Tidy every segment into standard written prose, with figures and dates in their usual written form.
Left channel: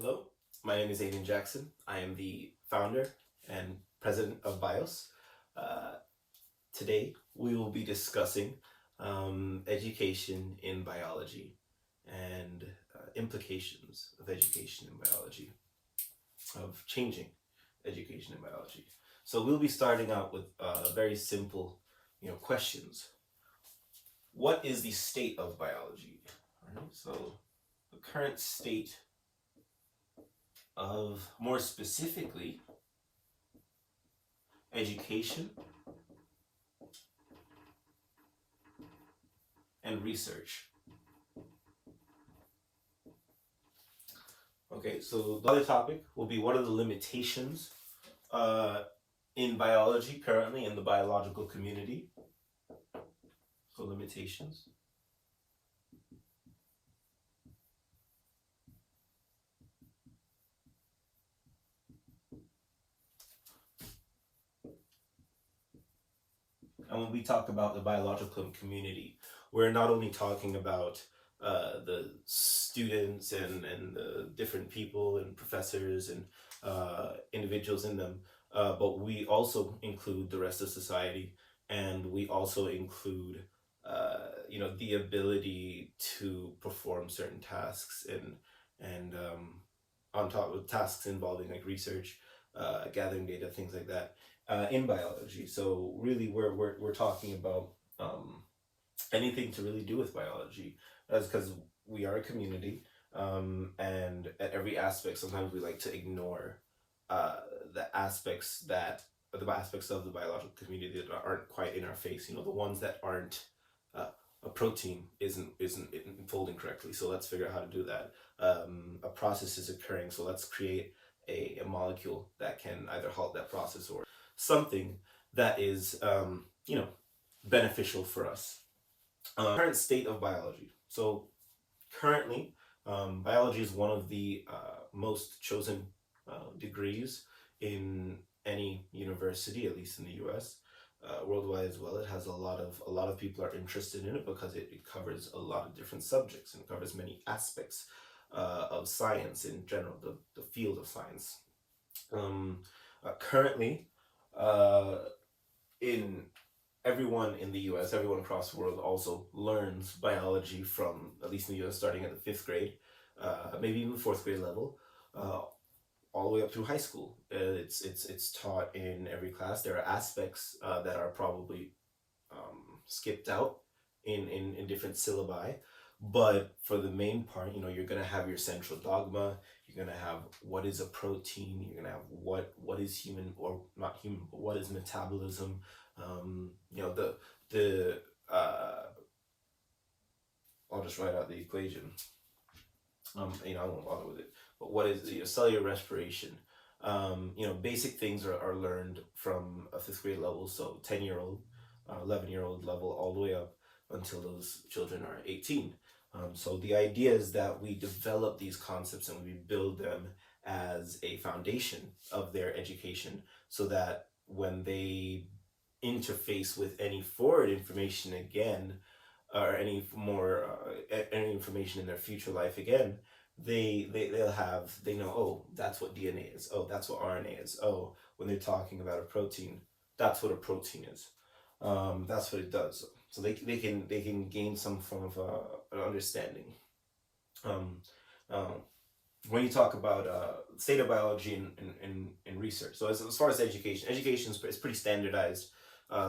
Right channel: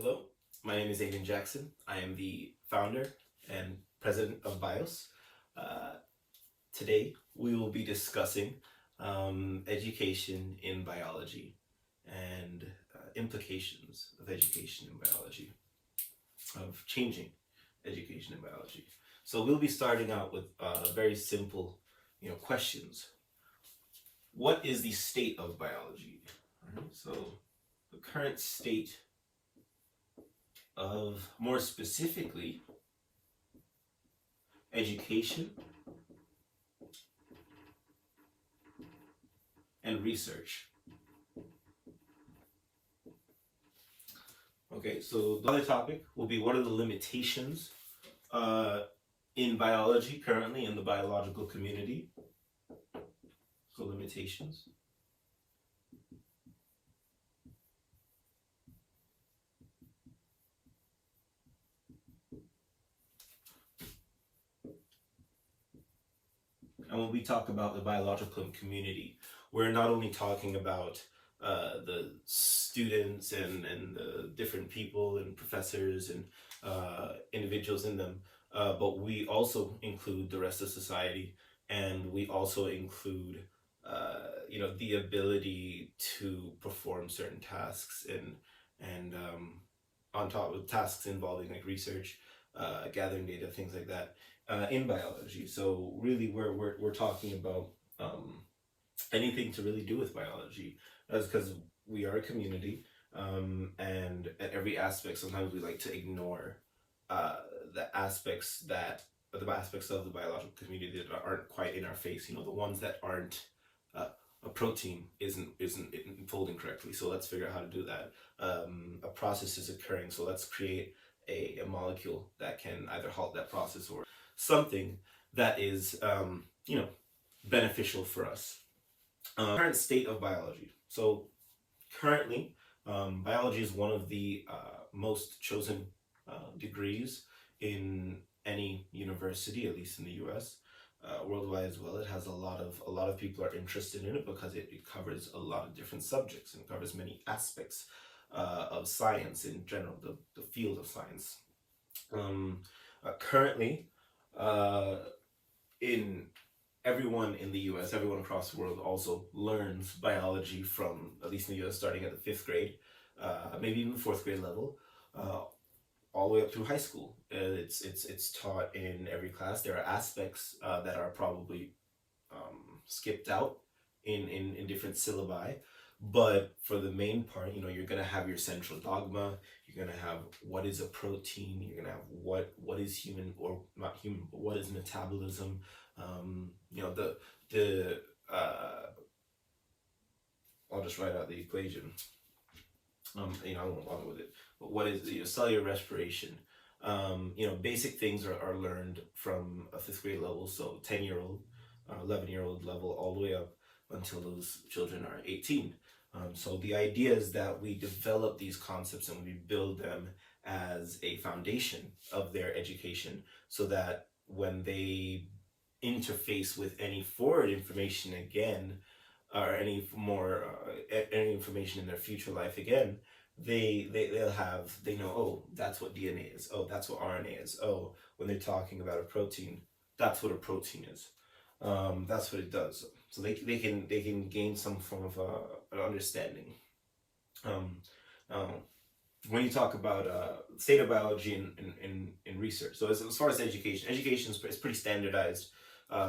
Hello, my name is Aiden Jackson. I am the founder and president of BIOS. Uh, Today, we will be discussing education in biology and implications of education in biology, of changing education in biology. So we'll be starting out with very simple, questions. What is the state of biology? All right, so the current state of, more specifically, education and research. Okay, so the other topic will be what are the limitations uh, in biology currently in the biological community. So limitations. And when we talk about the biological community, we're not only talking about the students and the different people and professors and individuals in them, but we also include the rest of society, and we also include the ability to perform certain tasks and on top of tasks involving like research, gathering data, things like that in biology. So really, we're talking about anything to really do with biology, that's because we are a community, and at every aspect, sometimes we like to ignore uh, the aspects that the aspects of the biological community that aren't quite in our face. The ones that aren't. A protein isn't folding correctly, so let's figure out how to do that. A process is occurring, so let's create a molecule that can either halt that process or something that is beneficial for us. Current state of biology. So currently, biology is one of the most chosen degrees in any university, at least in the U.S. Worldwide as well. It has a lot of people are interested in it because it covers a lot of different subjects and covers many aspects of science in general, the field of science. Currently, uh, in everyone in the US, everyone across the world also learns biology from, at least in the US, starting at the fifth grade, maybe even fourth grade level, uh, all the way up through high school. It's taught in every class. There are aspects that are probably skipped out in different syllabi. But for the main part, you're gonna have your central dogma. You're gonna have what is a protein. You're gonna have what is human, or not human, but what is metabolism. The I'll just write out the equation. I won't bother with it. But what is cellular respiration? Basic things are learned from a fifth grade level, so 10-year-old, 11-year-old level, all the way up until those children are 18. So the idea is that we develop these concepts and we build them as a foundation of their education, so that when they interface with any forward information again, or any information in their future life again, they know, oh, that's what DNA is, oh, that's what RNA is, oh, when they're talking about a protein, that's what a protein is. That's what it does. So they can gain some form of an understanding. um, uh, when you talk about state of biology in research, so as far as education is pretty standardized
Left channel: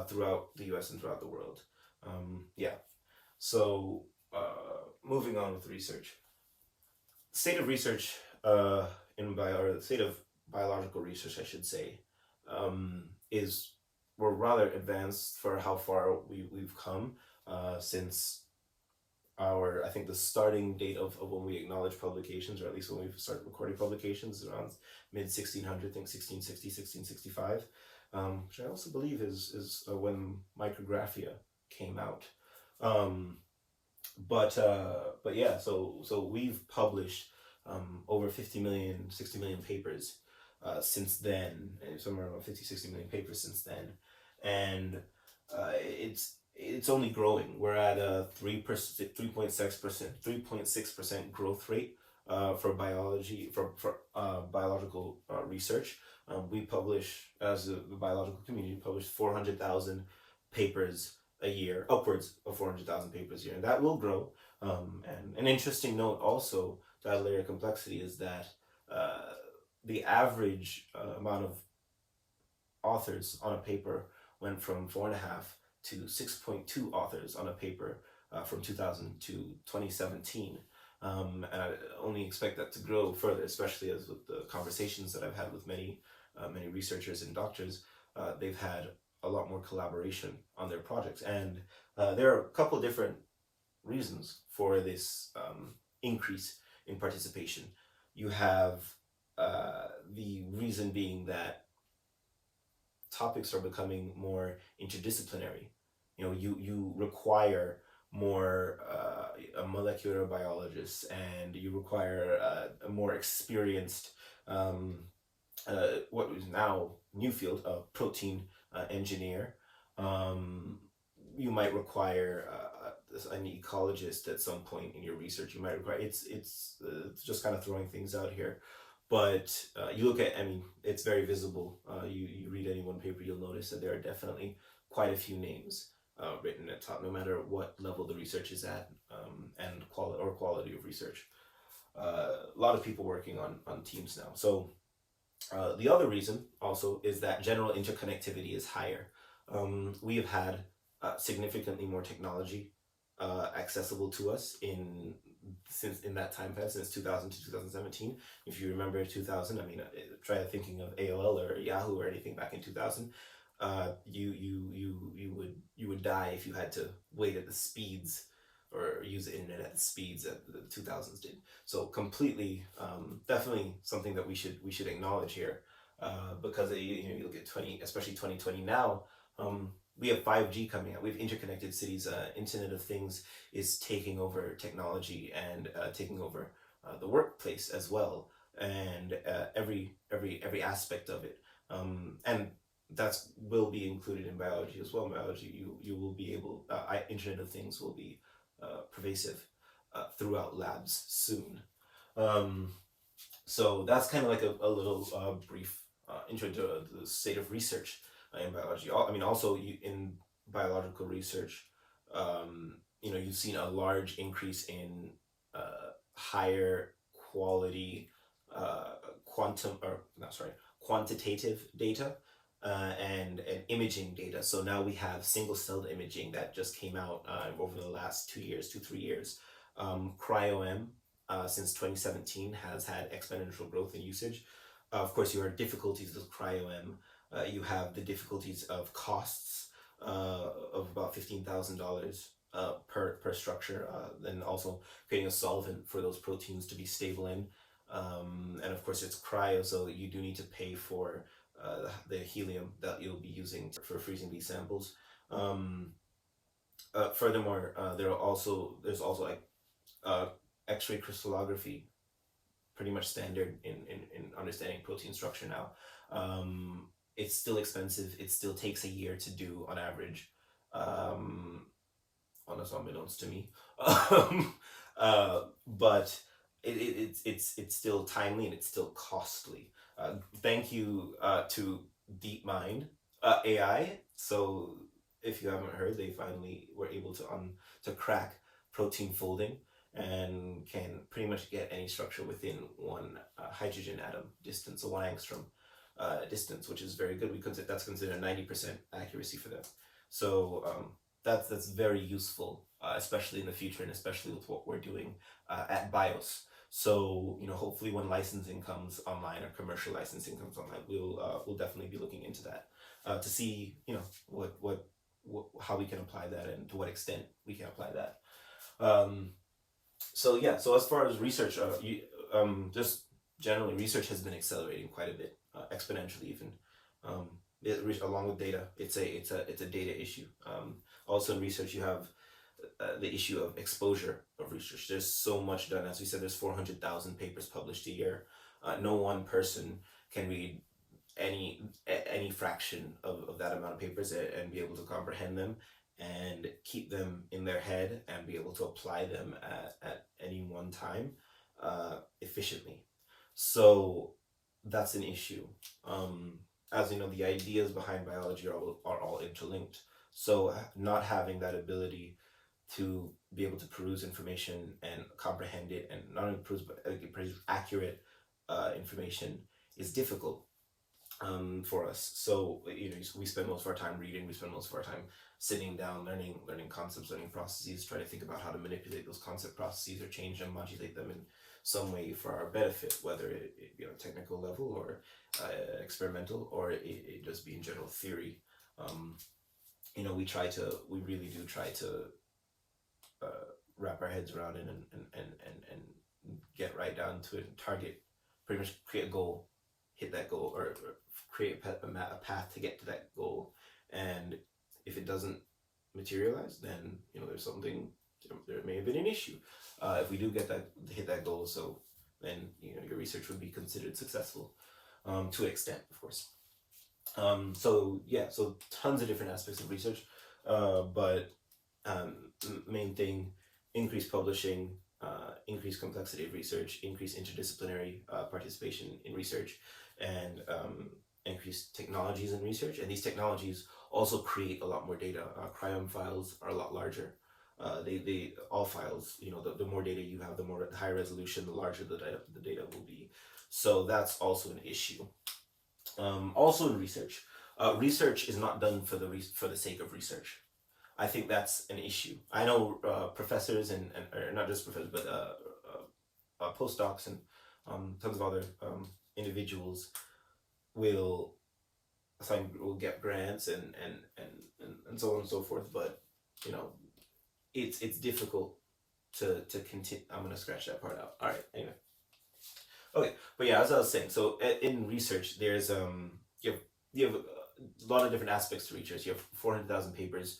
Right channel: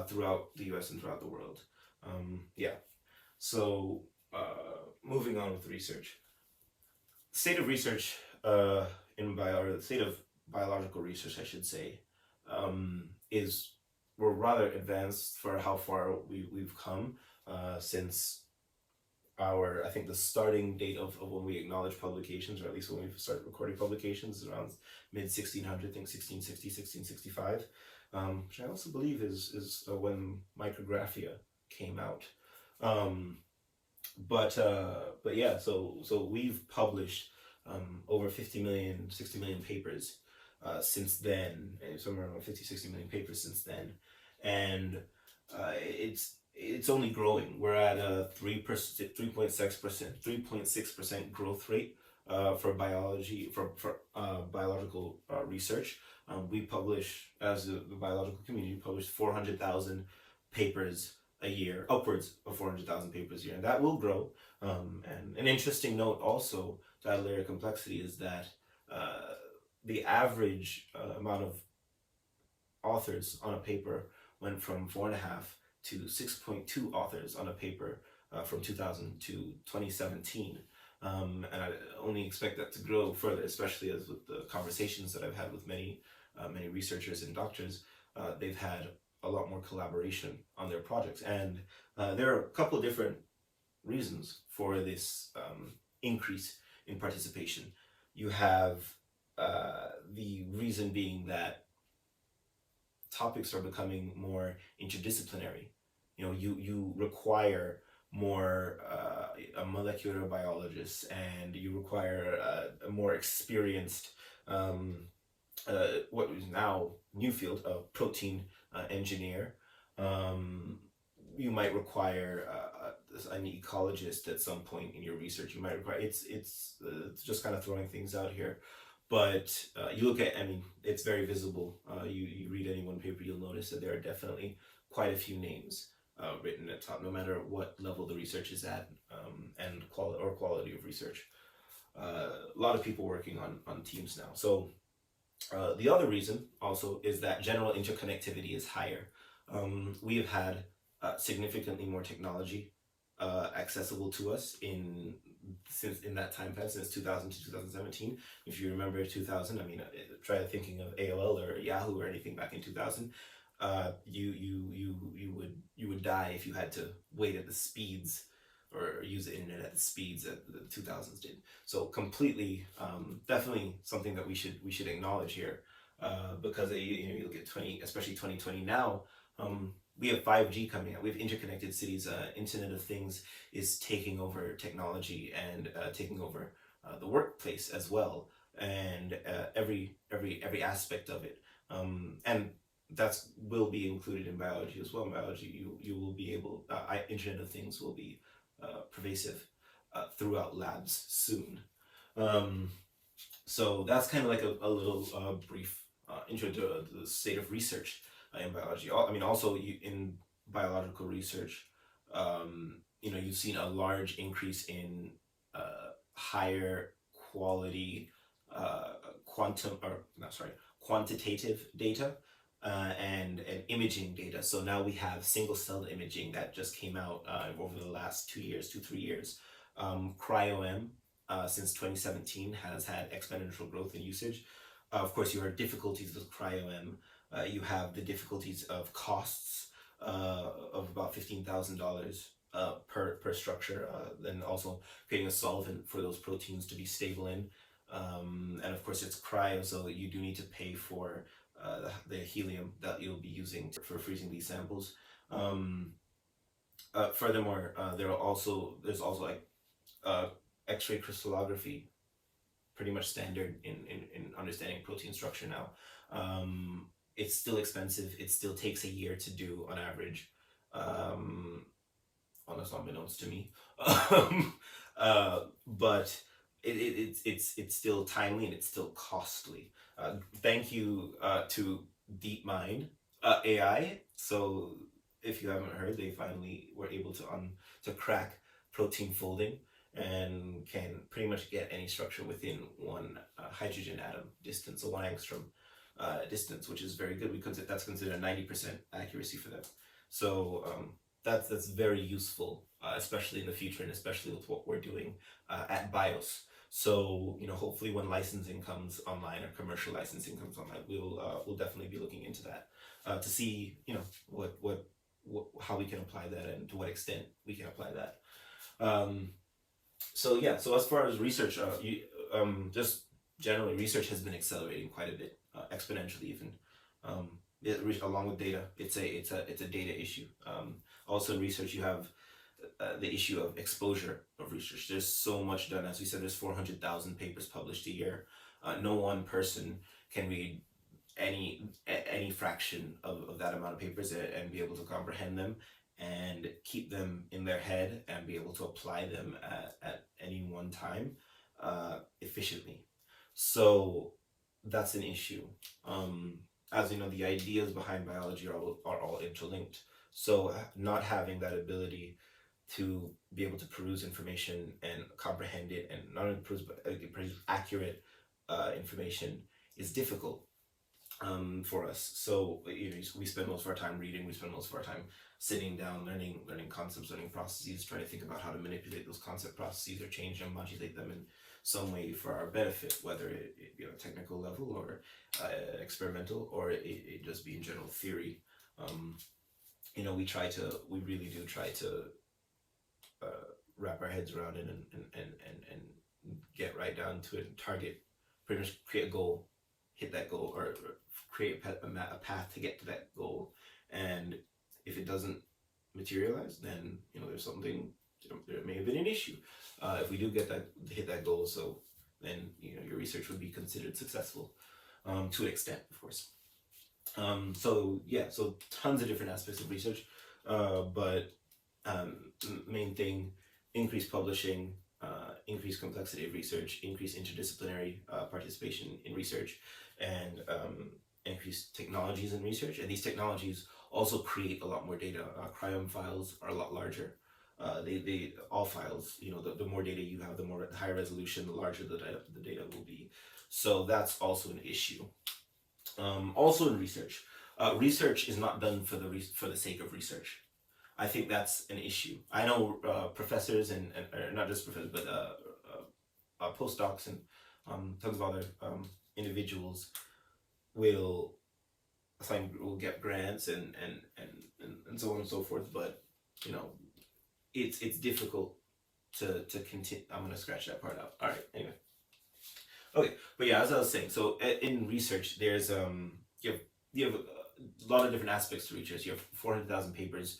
throughout the US and throughout the world. Yeah. So moving on with research, state of research or the state of biological research, I should say, is we're rather advanced for how far we've come since I think the starting date of when we acknowledge publications, or at least when we started recording publications, is around mid 1600, I think 1660, 1665, which I also believe is when micrographia came out. Um, but yeah, so we've published over 50 million, 60 million papers since then, somewhere around 50, 60 million papers since then, and it's only growing. We're at a 3%, 3.6% growth rate for biology for biological research. We publish, as the biological community, publish 400,000 papers a year, upwards of 400,000 papers a year, and that will grow. And an interesting note also to add a layer of complexity is that uh, the average amount of authors on a paper went from 4.5 to 6.2 authors on a paper from 2000 to 2017. And I only expect that to grow further, especially as with the conversations that I've had with many researchers and doctors. They've had a lot more collaboration on their projects, and there are a couple of different reasons for this increase in participation. You have the reason being that topics are becoming more interdisciplinary. You require more a molecular biologist, and you require a more experienced what is now new field of protein engineer. Um, you might require an ecologist at some point in your research. You might require it's just kind of throwing things out here, but you look at, I mean, it's very visible. You read any one paper, you'll notice that there are definitely quite a few names written at top, no matter what level the research is at, and quality of research. A lot of people working on teams now. So the other reason also is that general interconnectivity is higher. We have had significantly more technology accessible to us in that time past, since 2000 to 2017. If you remember 2000, I mean, try thinking of AOL or Yahoo or anything back in 2000. You would die if you had to wait at the speeds or use the internet at the speeds that the 2000s did. So completely, definitely something that we should acknowledge here, because you look at 20, especially 2020 now. We have 5G coming out. We have interconnected cities. Internet of Things is taking over technology and taking over the workplace as well, and every aspect of it. And that's will be included in biology as well. In biology, you will be able. Internet of Things will be pervasive throughout labs soon. Um, so that's kind of like a little brief intro to the state of research in biology. I mean, also in biological research, you've seen a large increase in higher quality quantum or not sorry quantitative data and imaging data. So now we have single cell imaging that just came out over the last 2 years, 3 years. Cryo-M since 2017 has had exponential growth in usage. Of course, you have difficulties with cryo-M. You have the difficulties of costs of about $15,000 per structure. Then also creating a solvent for those proteins to be stable in. And of course, it's cryo, so you do need to pay for the helium that you'll be using for freezing these samples. Furthermore, there's also like X-ray crystallography, pretty much standard in understanding protein structure now. It's still expensive. It still takes a year to do on average, unless unbeknownst to me. But it's still timely and it's still costly. Thank you to DeepMind AI. So if you haven't heard, they finally were able to crack protein folding and can pretty much get any structure within one hydrogen atom distance, so 1 angstrom distance, which is very good because that's considered 90% accuracy for them. So that's very useful, especially in the future and especially with what we're doing at BIOS. So hopefully when licensing comes online or commercial licensing comes online, we'll definitely be looking into that to see what how we can apply that and to what extent we can apply that. So yeah, so as far as research, just generally research has been accelerating quite a bit, exponentially even. Along with data, it's a data issue. Also in research, you have the issue of exposure of research. There's so much done. As we said, there's 400,000 papers published a year. No one person can read any fraction of that amount of papers and be able to comprehend them and keep them in their head and be able to apply them at any one time. efficiently. So that's an issue. Um, as you know, the ideas behind biology are all interlinked. So not having that ability to be able to peruse information and comprehend it, and not only peruse but produce accurate information is difficult for us. So we spend most of our time reading. We spend most of our time sitting down, learning concepts, learning processes, trying to think about how to manipulate those concept processes or change them, modulate them in some way for our benefit, whether technical level or experimental, or it just be in general theory. Um, we really do try to wrap our heads around it and get right down to it and target, pretty much create a goal, hit that goal, or create a path to get to that goal. And if it doesn't materialize, then there's something, there may have been an issue. If we do hit that goal, so then your research would be considered successful, to an extent, of course. So yeah, so tons of different aspects of research, but main thing: increased publishing, increased complexity of research, increased interdisciplinary participation in research, and increased technologies in research. And these technologies also create a lot more data. Cryom files are a lot larger. They all files, the more data you have, the more higher resolution, the larger the data will be. So that's also an issue. Also in research, research is not done for the sake of research. I think that's an issue. I know professors and or not just professors, but postdocs and tons of other individuals will will get grants and so on and so forth. But you know, it's difficult to continue. I'm gonna scratch that part out. All right. Anyway. Okay, but yeah, as I was saying, so in research, there's you have a lot of different aspects to research. You have 400,000 papers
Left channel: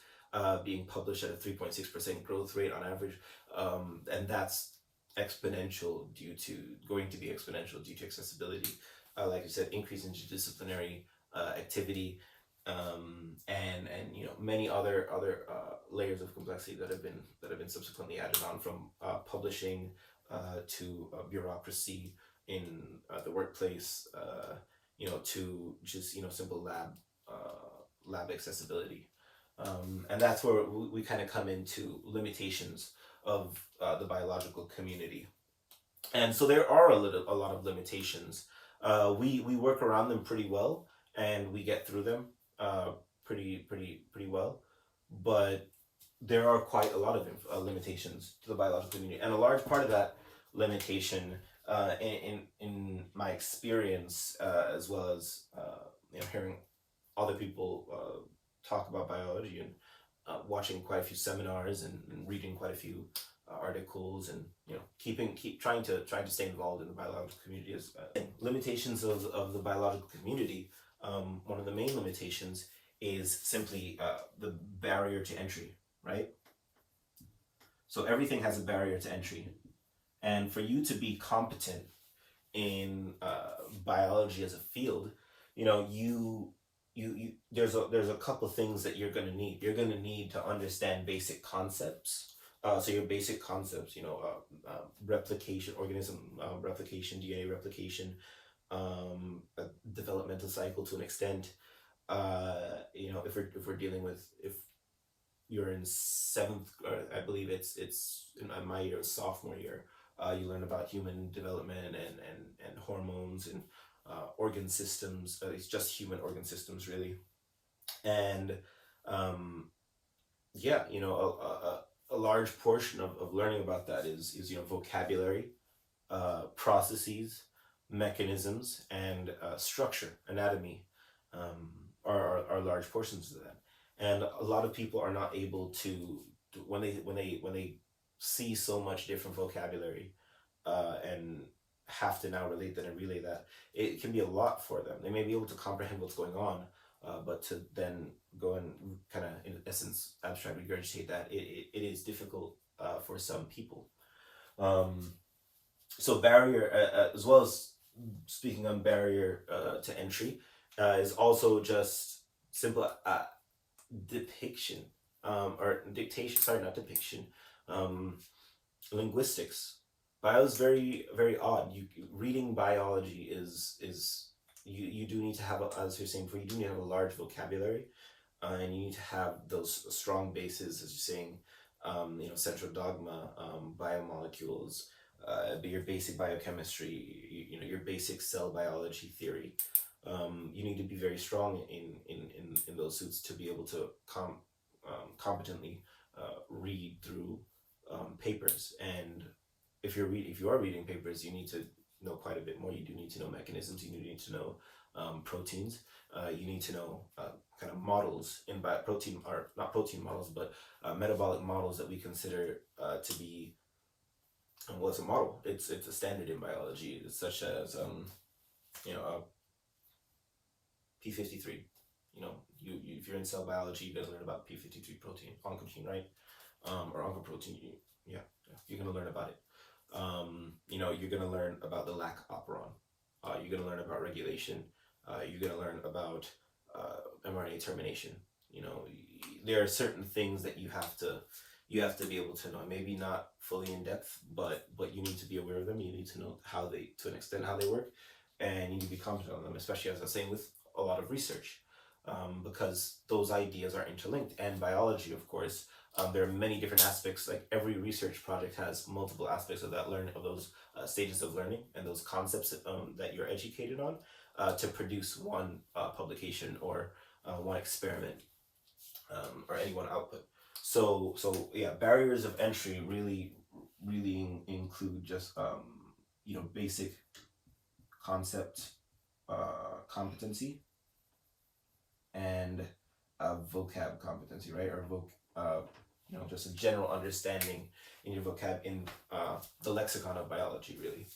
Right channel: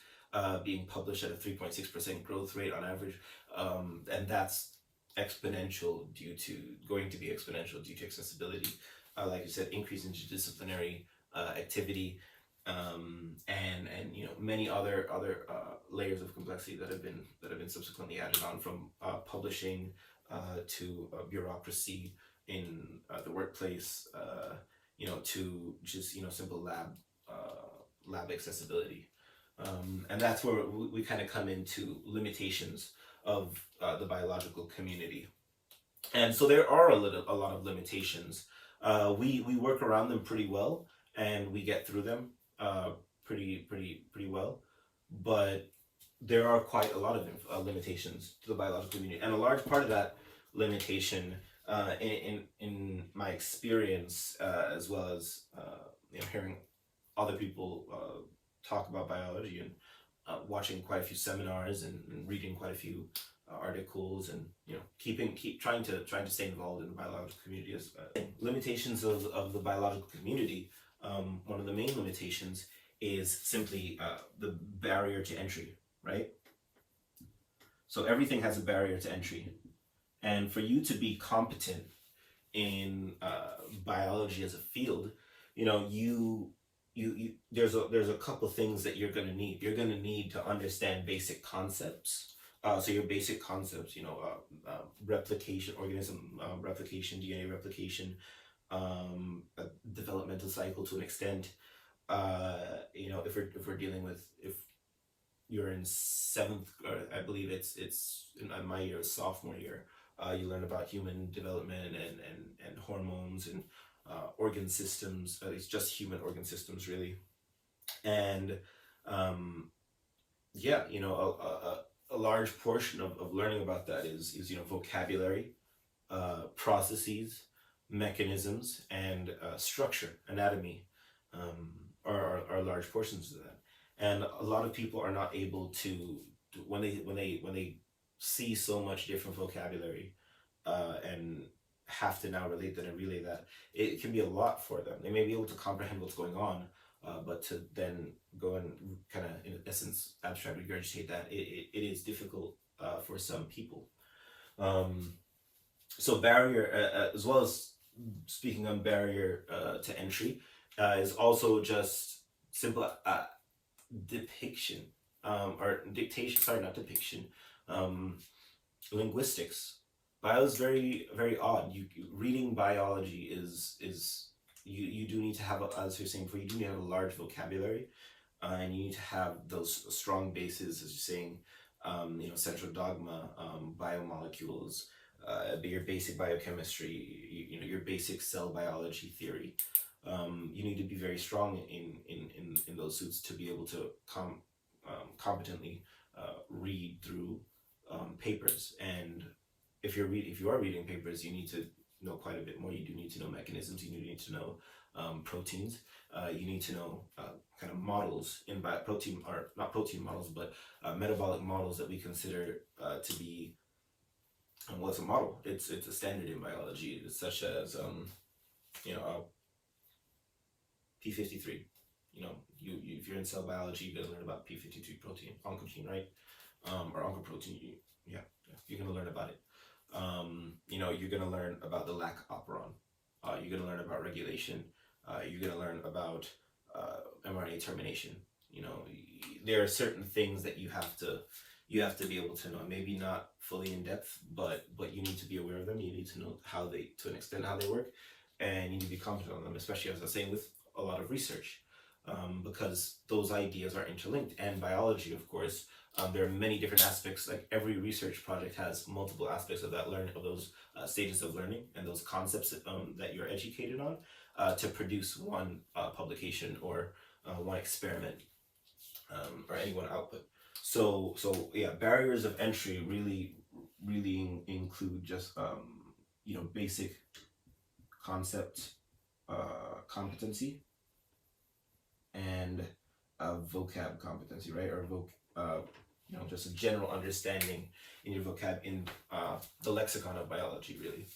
being published at a 3.6% growth rate on average, and that's exponential due to going to be exponential due to accessibility. Like you said, increase in interdisciplinary activity, and many other layers of complexity that have been subsequently added on, from publishing to bureaucracy in the workplace, to just simple lab accessibility, and that's where we kind of come into limitations of the biological community. And so there are a lot of limitations. We work around them pretty well, and we get through them pretty well, but there are quite a lot of limitations to the biological community, and a large part of that limitation, in my experience, as well as hearing other people talk about biology, and watching quite a few seminars, and reading quite a few articles, and keep trying to stay involved in the biological community. As limitations of the biological community, one of the main limitations is simply the barrier to entry, right? So everything has a barrier to entry, and for you to be competent in biology as a field, you there's a couple things that you're gonna need. You're gonna need to understand basic concepts. So your basic concepts, replication, organism replication, DNA replication, developmental cycle to an extent. If we're dealing with, if you're in seventh, I believe it's in my year, sophomore year, you learn about human development and hormones and organ systems. It's just human organ systems, really. And yeah, a large portion of learning about that is vocabulary, processes, mechanisms, and structure, anatomy, are large portions of that. And a lot of people are not able to, when they see so much different vocabulary, and have to now relate that and relay that, it can be a lot for them. They may be able to comprehend what's going on, but to then go and kind of, in essence, abstract regurgitate that, it is difficult for some people. So barrier, as well as speaking on barrier to entry, is also just simple depiction, or dictation. Sorry, not depiction. Linguistics. Bio is very very odd. You reading biology is you do need to have as you're saying before, you do need to have a large vocabulary, and you need to have those strong bases, as you're saying, central dogma, biomolecules, your basic biochemistry, your basic cell biology theory. You need to be very strong in those suits to be able to competently read through papers. And if you are reading papers, you need to know quite a bit more. You do need to know mechanisms. You need to know proteins. You need to know kind of models in protein, or not protein models, but metabolic models that we consider to be, well, it's a model. It's a standard in biology. It's such as P53. If you're in cell biology, you're gonna learn about P53 protein, oncogene, right? Or oncoprotein. Yeah, you're gonna learn about it. You're gonna learn about the lac operon. You're gonna learn about regulation. You're gonna learn about mRNA termination. There are certain things that you have to be able to know. Maybe not fully in depth, but you need to be aware of them. You need to know to an extent, how they work, and you need to be competent on them. Especially, as I was saying, with a lot of research, because those ideas are interlinked. And biology, of course, there are many different aspects. Like every research project has multiple aspects of that learning, of those stages of learning, and those concepts that you're educated on, to produce one publication, or one experiment, or any one output. So yeah, barriers of entry really include just basic concept competency, and vocab competency, right? Or just a general understanding in your vocab, in the lexicon of biology, really.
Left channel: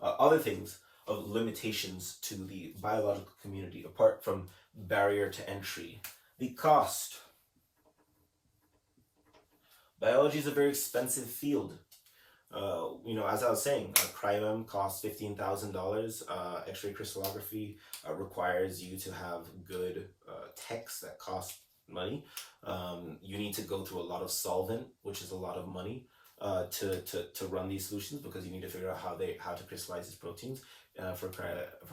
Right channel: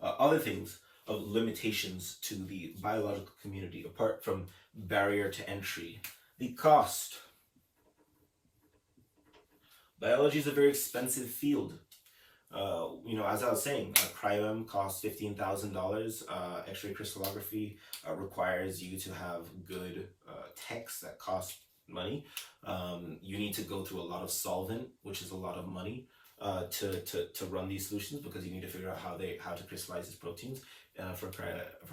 Other things of limitations to the biological community, apart from barrier to entry, the cost. Biology is a very expensive field. As I was saying, cryo-EM costs $15,000. X-ray crystallography requires you to have good techs that cost money. You need to go through a lot of solvent, which is a lot of money, to run these solutions, because you need to figure out how to crystallize these proteins for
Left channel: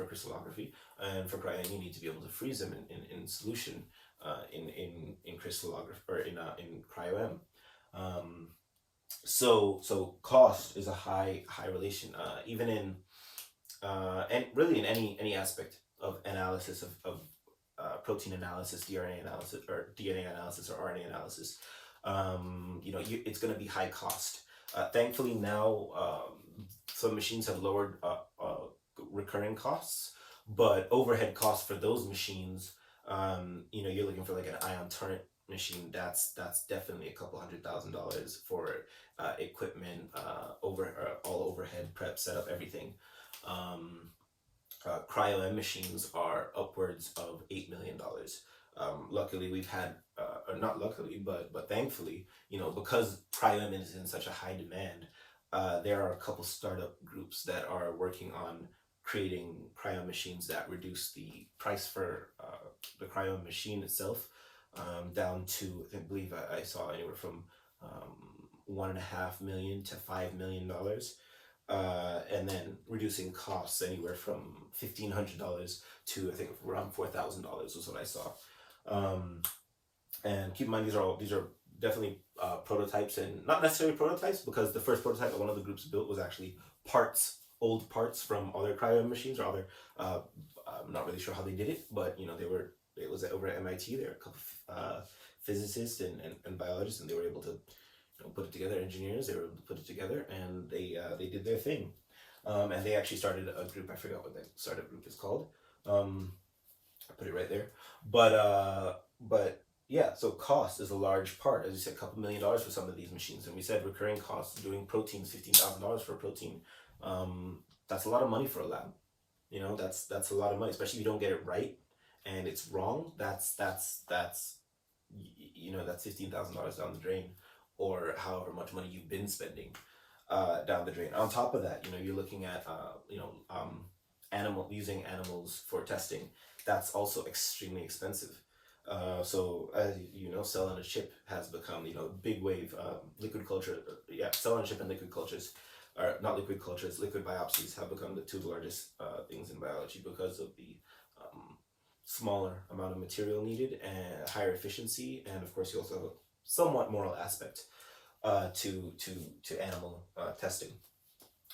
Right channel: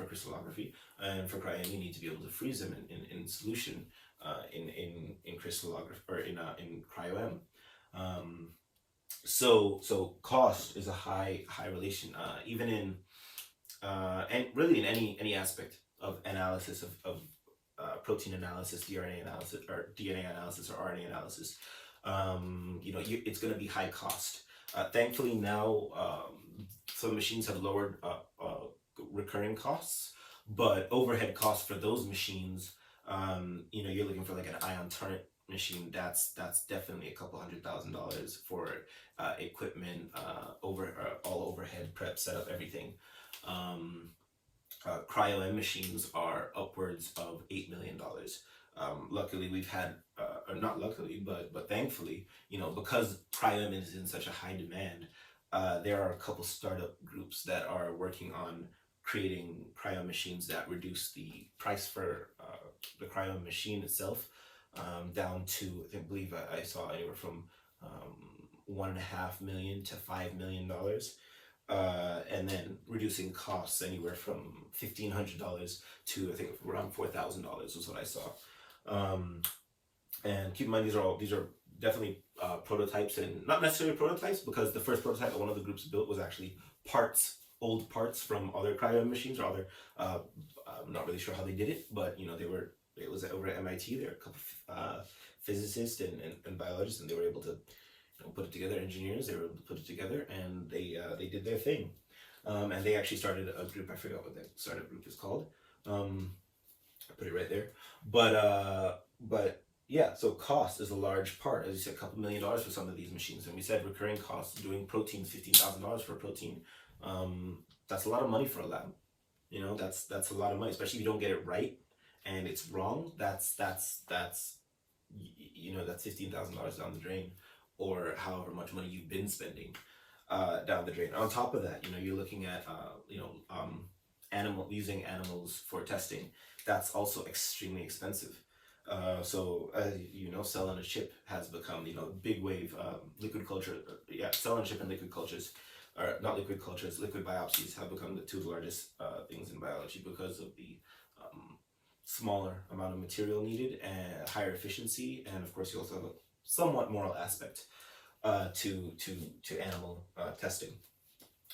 crystallography. And for cryo-EM, you need to be able to freeze them in solution, in crystallography, or in cryo-EM. So cost is a high relation, even in and really in any aspect of analysis of protein analysis, DNA analysis, or RNA analysis. It's going to be high cost. Thankfully now, some machines have lowered recurring costs, but overhead costs for those machines, you're looking for like an ion torrent machine. That's definitely a couple $100,000 for equipment, all overhead, prep, setup, everything. Cryo-EM machines are upwards of $8 million. Luckily, we've had, or not luckily, but thankfully, because cryo-EM is in such a high demand, there are a couple startup groups that are working on creating cryo machines that reduce the price for the cryo machine itself, down to, I believe I saw anywhere from 1.5 million to $5 million, and then reducing costs anywhere from $1,500 to, I think, around $4,000 was what I saw. And keep in mind, these are definitely prototypes, and not necessarily prototypes, because the first prototype that one of the groups built was actually old parts from other cryo machines, or other. I'm not really sure how they did it, but it was over at MIT. There were a couple of physicists and biologists, and they were able to put it together. Engineers, they were able to put it together, and they did their thing. And they actually started a group. I forgot what the startup group is called. I put it right there. But yeah, so cost is a large part. As you said, a couple $1 million for some of these machines, and we said recurring costs doing proteins, $15,000 for a protein. That's a lot of money for a lab. That's a lot of money, especially if you don't get it right and it's wrong. That's $15,000 down the drain, or however much money you've been spending down the drain. On top of that, you're looking at using animals for testing. That's also extremely expensive. So as you know, cell on a chip has become, you know, a big wave. Liquid culture, yeah, cell on a chip and liquid cultures, or not liquid cultures, liquid biopsies have become the two largest things in biology because of the um, smaller amount of material needed and higher efficiency, and of course you also have a somewhat moral aspect to animal testing.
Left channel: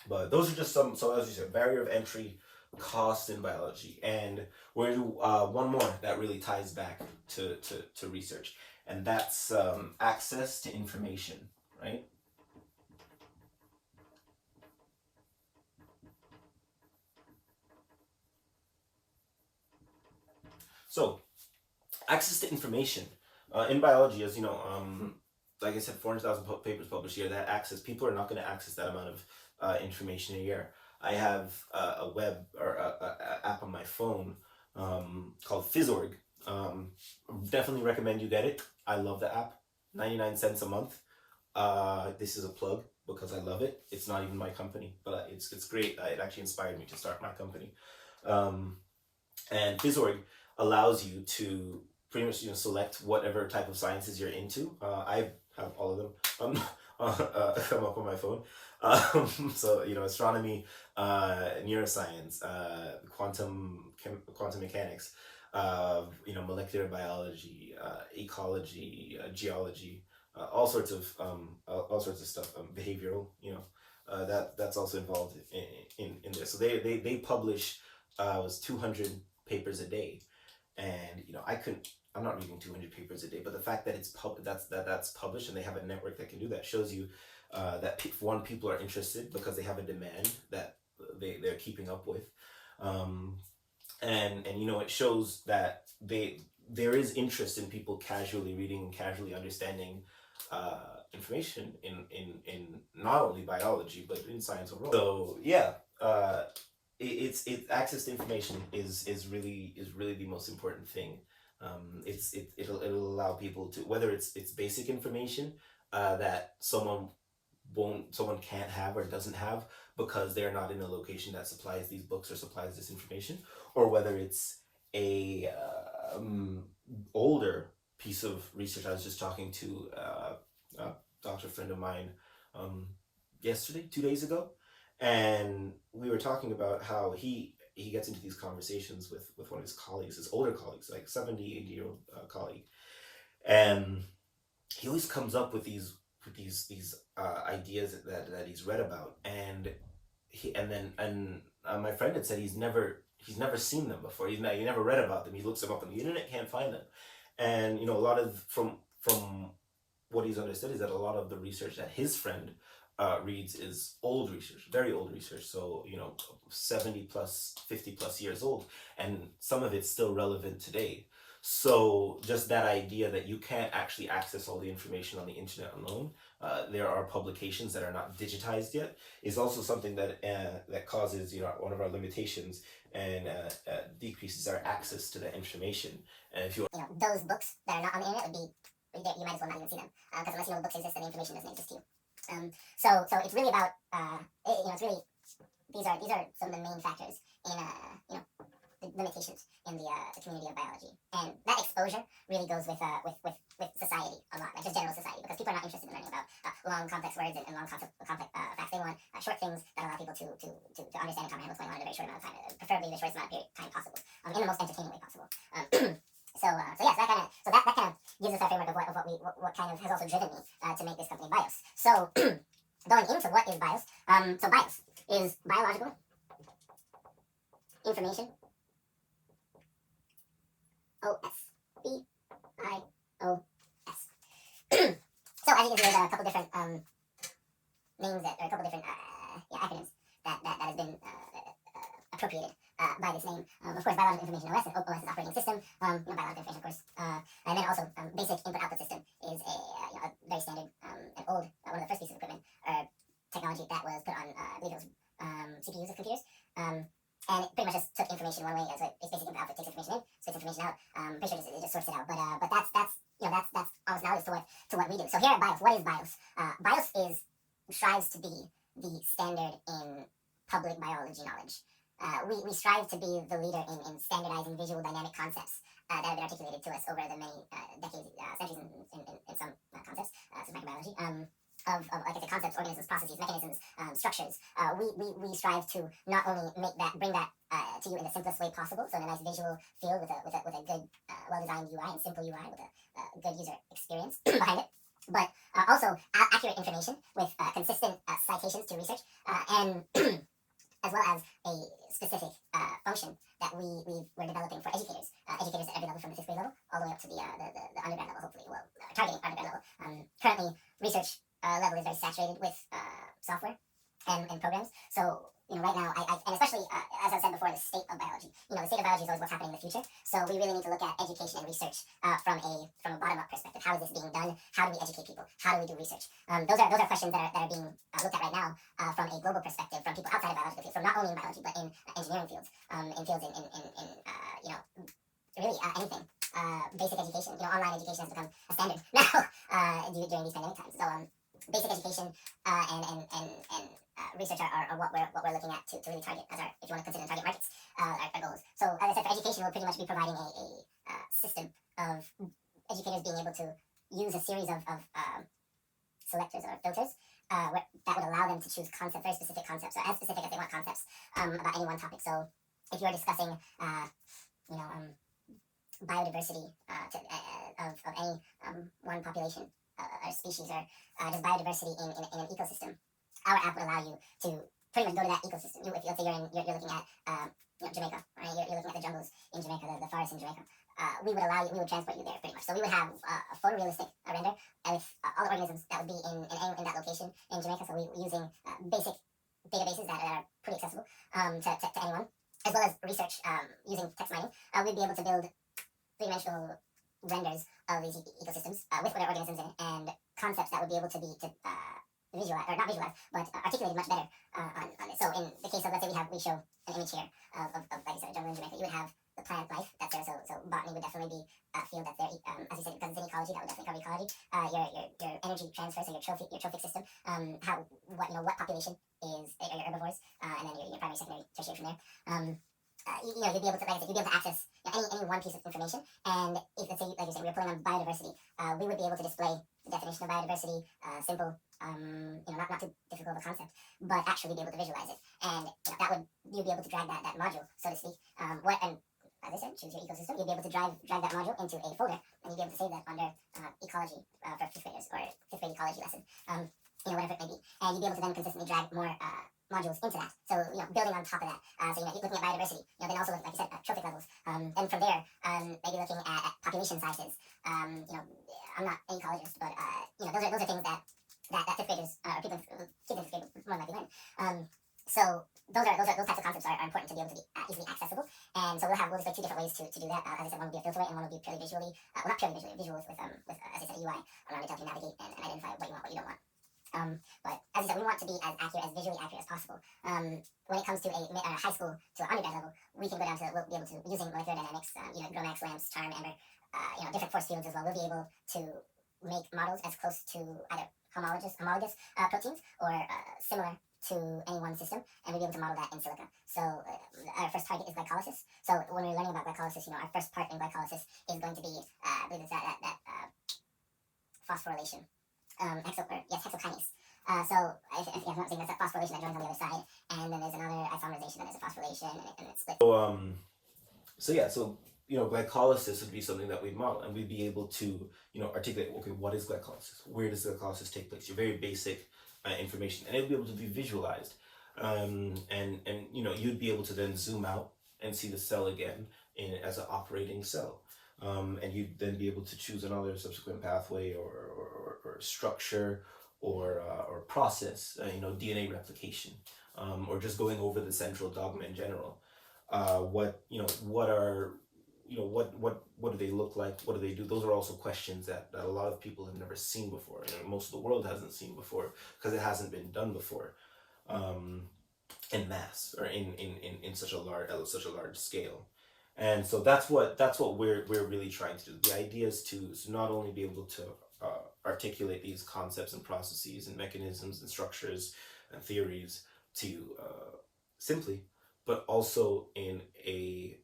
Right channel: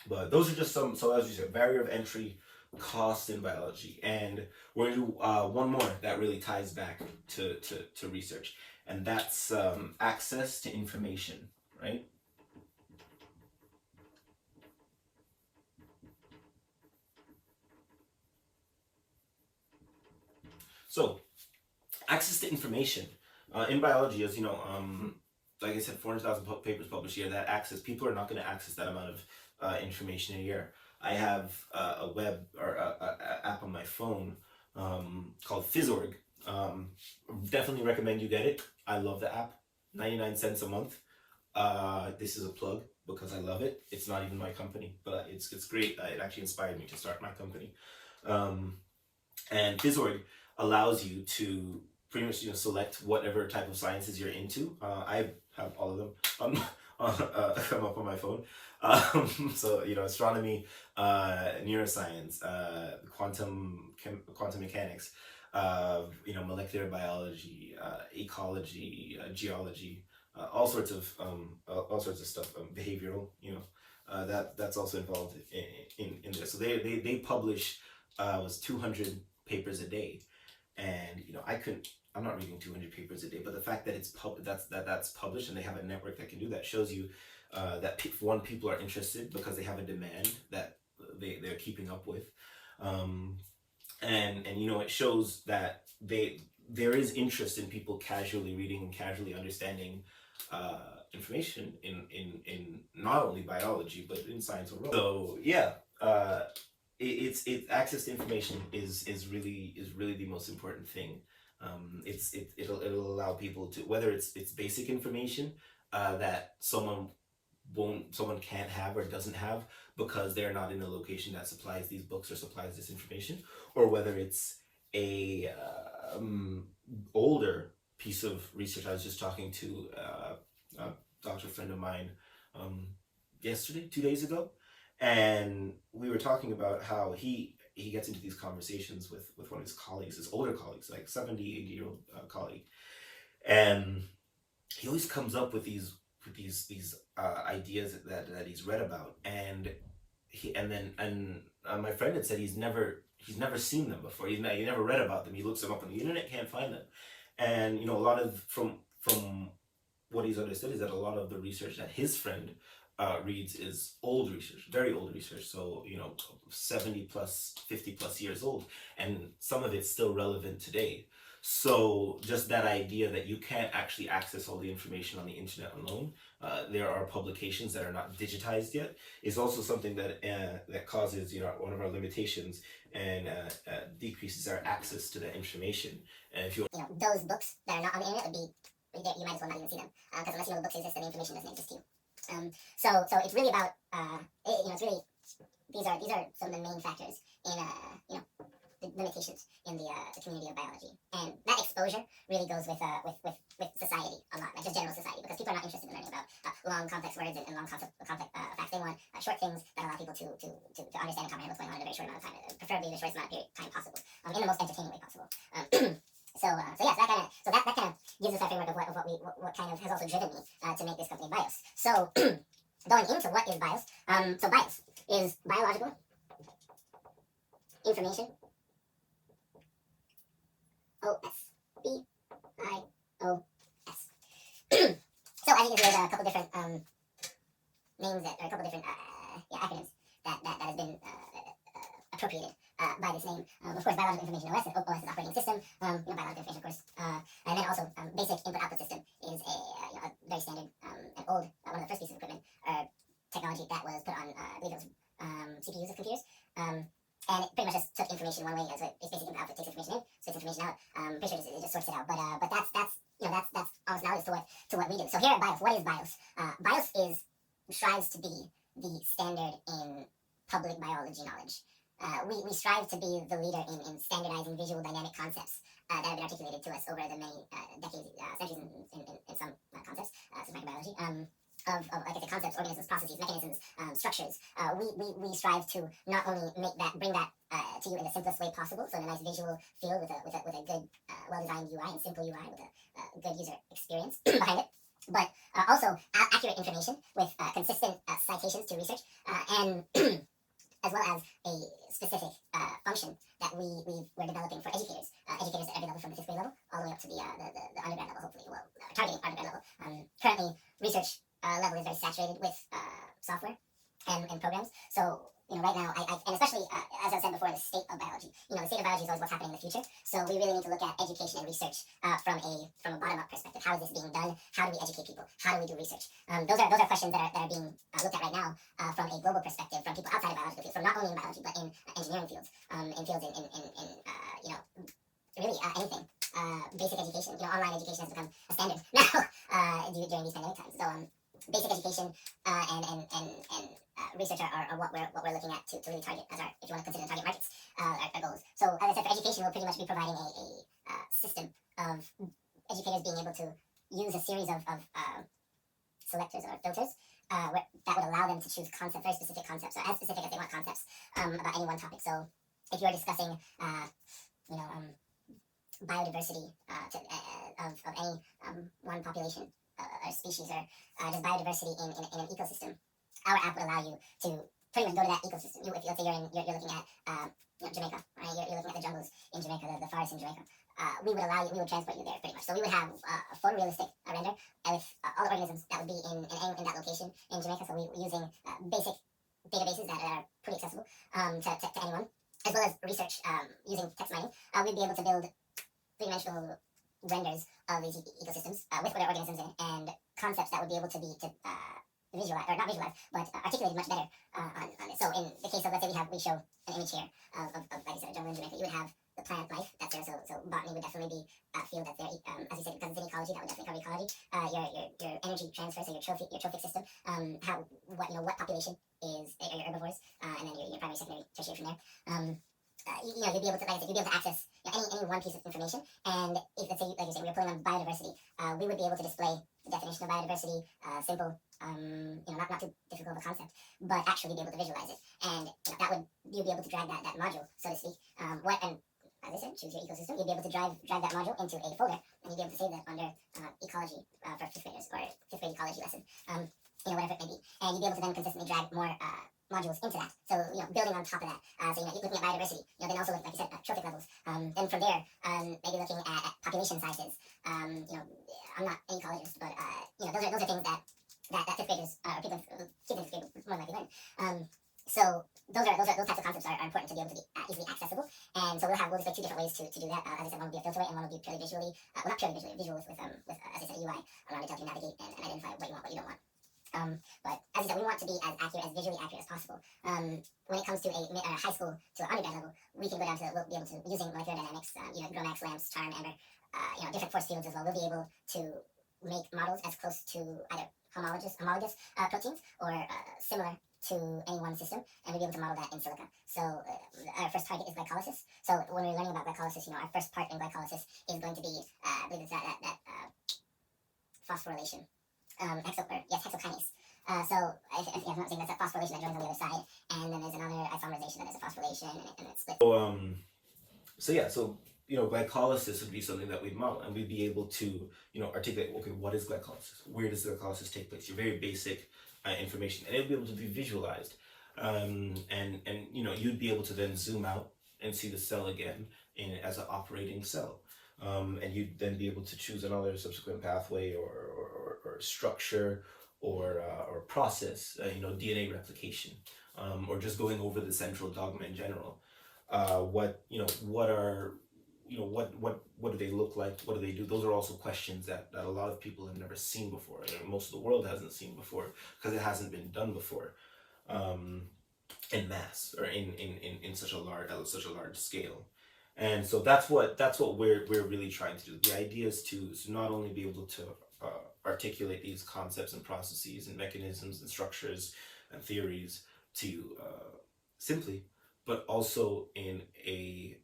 But those are just some. So as you said, barrier of entry, cost in biology, and we're gonna do one more that really ties back to research, and that's access to information, right? So access to information in biology, as you know, like I said, 400,000 papers published a year. That access, people are not going to access that amount of information a year. I have a web or a app on my phone called Phys.org. Definitely recommend you get it. I love the app. 99 cents a month. This is a plug because I love it. It's not even my company, but it's great. It actually inspired me to start my company. Um, and Phys.org allows you to pretty much, you know, select whatever type of sciences you're into. I have all of them come up on my phone. So you know, astronomy, neuroscience, quantum mechanics, you know, molecular biology, ecology, geology, all sorts of stuff, behavioral. You know, that's also involved in there. So they publish was 200 papers a day, and you know, I'm not reading 200 papers a day, but the fact that that's published and they have a network that can do that shows you that people are interested because they have a demand that they're keeping up with, um, and you know, it shows that there is interest in people casually reading and casually understanding information in not only biology but in science overall. So yeah, it's access to information is really the most important thing. It'll allow people to, whether it's basic information that someone can't have or doesn't have because they're not in a location that supplies these books or supplies this information, or whether it's a older piece of research. I was just talking to a doctor friend of mine yesterday, 2 days ago, and we were talking about how he gets into these conversations with one of his colleagues, his older colleagues, like 70, 80-year-old colleague, and he always comes up with these ideas that he's read about, and my friend had said he's never seen them before. He never read about them. He looks them up on the internet, can't find them, and you know, a lot of from what he's understood is that a lot of the research that his friend reads is old research, very old research. So you know, 70 plus, 50 plus years old, and some of it's still relevant today. So just that idea that you can't actually access all the information on the internet alone, there are publications that are not digitized yet, is also something that causes, you know, one of our limitations, and decreases our access to that information. And if you, you know, those books that are not on the internet would be, you might as well not even see them, because unless you know the books exist, then the information doesn't exist to you. So it's really about you know, it's really, these are some of the main factors in you know, the limitations in the community of biology, and that exposure really goes with society a lot, like just general society, because people are not interested in learning about long complex words and long complex facts. They want short things that allow people to understand and comprehend what's going on in a very short amount of time, preferably in the shortest amount of time possible, in the most entertaining way possible. So yeah, so that kind of gives us a framework of what kind of has also driven me to make this company BIOS. So going into what is BIOS, so BIOS is biological information. OS. BIOS. So as you can see, there's a couple different names or a couple different acronyms that has been appropriated by this name. Of course, biological information OS is operating system. You know, biological information, of course, and then also basic input-output system is a very standard and old, one of the first pieces of equipment or technology that was put on, I believe it was CPUs of computers. And it pretty much just took information one way, so it's basic input output, takes information in, spits information out. Pretty sure it just sorts it out. But that's you know, that's almost analogous to what we do. So here at BIOS, what is BIOS? BIOS strives to be the standard in public biology knowledge. We strive to be the leader in standardizing visual dynamic concepts that have been articulated to us over the many decades, centuries in some concepts, such as microbiology. Like I said, concepts, organisms, processes, mechanisms, structures. We strive to not only bring that to you in the simplest way possible, so in a nice visual field with a good, well-designed UI and simple UI with a good user experience behind it, but also accurate information with consistent citations to research and as well as a specific function that we're developing for educators, educators at every level from the 5th grade level all the way up to the undergrad level, hopefully, well, targeting undergrad level. Currently, research level is very saturated with software and programs. So, right now, and especially, as I said before, the state of biology. The state of biology is always what's happening in the future. So we really need to look at education and research from a bottom-up perspective. How is this being done? How do we educate people? How do we do research? Those are questions that are being looked at right now from a global perspective, from people outside of biological fields, from not only in biology, but in engineering fields, in fields really anything. Basic education, online education has become a standard now during these pandemic times. So basic education and research are what we're looking at to really target as our, if you want to consider target markets, our goals. So as I said, for education, we'll pretty much be providing a system of educators being able to use a series of selectors or filters that would allow them to choose concepts, very specific concepts, or as specific as they want concepts about any one topic. So if you're discussing, biodiversity of any one population or species, or just biodiversity in an ecosystem, our app would allow you to pretty much go to that ecosystem. If let's say you're looking at Jamaica, right? You're looking at the jungles in Jamaica, the forests in Jamaica. We would transport you there pretty much. So we would have a photorealistic render with all the organisms that would be in that location in Jamaica. So we're using basic databases that are pretty accessible to anyone, as well as research using text mining. We'd be able to build three-dimensional renders of these ecosystems with their organisms in it, and concepts that would be able to visualize, or not visualize, but articulated much better on this. So in the case of, let's say we show an image here of like you said, a jungle in Jamaica, you would have the plant life that's there. So botany would definitely be a field that's there. As you said, because it's in ecology, that would definitely cover ecology. Your energy transfer, so your trophic system. What population is your herbivores, and then your primary, secondary, tertiary from there. You'd be able to, like I said, you'd be able to access any one piece of information. And if, let's say, like you said, we were pulling on biodiversity, we would be able to display the definition of biodiversity, simple, not too difficult of a concept, but actually be able to visualize it. And you'd be able to drag that module, so to speak. And as I said, choose your ecosystem. You'd be able to drag that module into a folder, and you'd be able to save that under ecology for 5th graders, or 5th grade ecology lesson, whatever it may be. And you'd be able to then consistently drag more modules into that. So, building on top of that. So, you're looking at biodiversity, then also, like you said, trophic levels. Then from there, maybe looking at population sizes. I'm not an ecologist, but, those are things that 5th graders, people kids in 5th grade would more likely learn. So those types of concepts are important to be able to be easily accessible. And so we'll display 2 different ways to do that. As I said, one will be a filter way, and one will be purely visually, not purely visually, visual with as I said, UI around it to help you navigate and identify what you want, what you don't want. But as I said, we want to be as visually accurate as possible. When it comes to a high school to an undergrad level, we can go down to, we'll be able to, using molecular dynamics, GROMACS, LAMPS, CHARM, AMBER, different force fields as well. We'll be able to make models as close to either homologous proteins, or similar to any one system, and we'll be able to model that in silico. So our first target is glycolysis. So when we're learning about glycolysis, our first part in glycolysis is going to be, I believe it's that phosphorylation. Hexokinase. So if I'm not saying, that's that phosphorylation that joins on the other side, and then there's another isomerization that is a phosphorylation, and it splits. So glycolysis would be something that we'd model, and we'd be able to articulate, okay, what is glycolysis? Where does glycolysis take place? Your very basic information, and it'd be able to be visualized, and you'd be able to then zoom out and see the cell again as an operating cell. And you'd then be able to choose another subsequent pathway or structure or process, DNA replication, or just going over the central dogma in general. What do they look like? What do they do? Those are also questions that a lot of people have never seen before. Most of the world hasn't seen before, because it hasn't been done before, in mass, or in such a large scale. And so that's what we're really trying to do. The idea is to not only be able to articulate these concepts and processes and mechanisms and structures and theories to simply, but also in a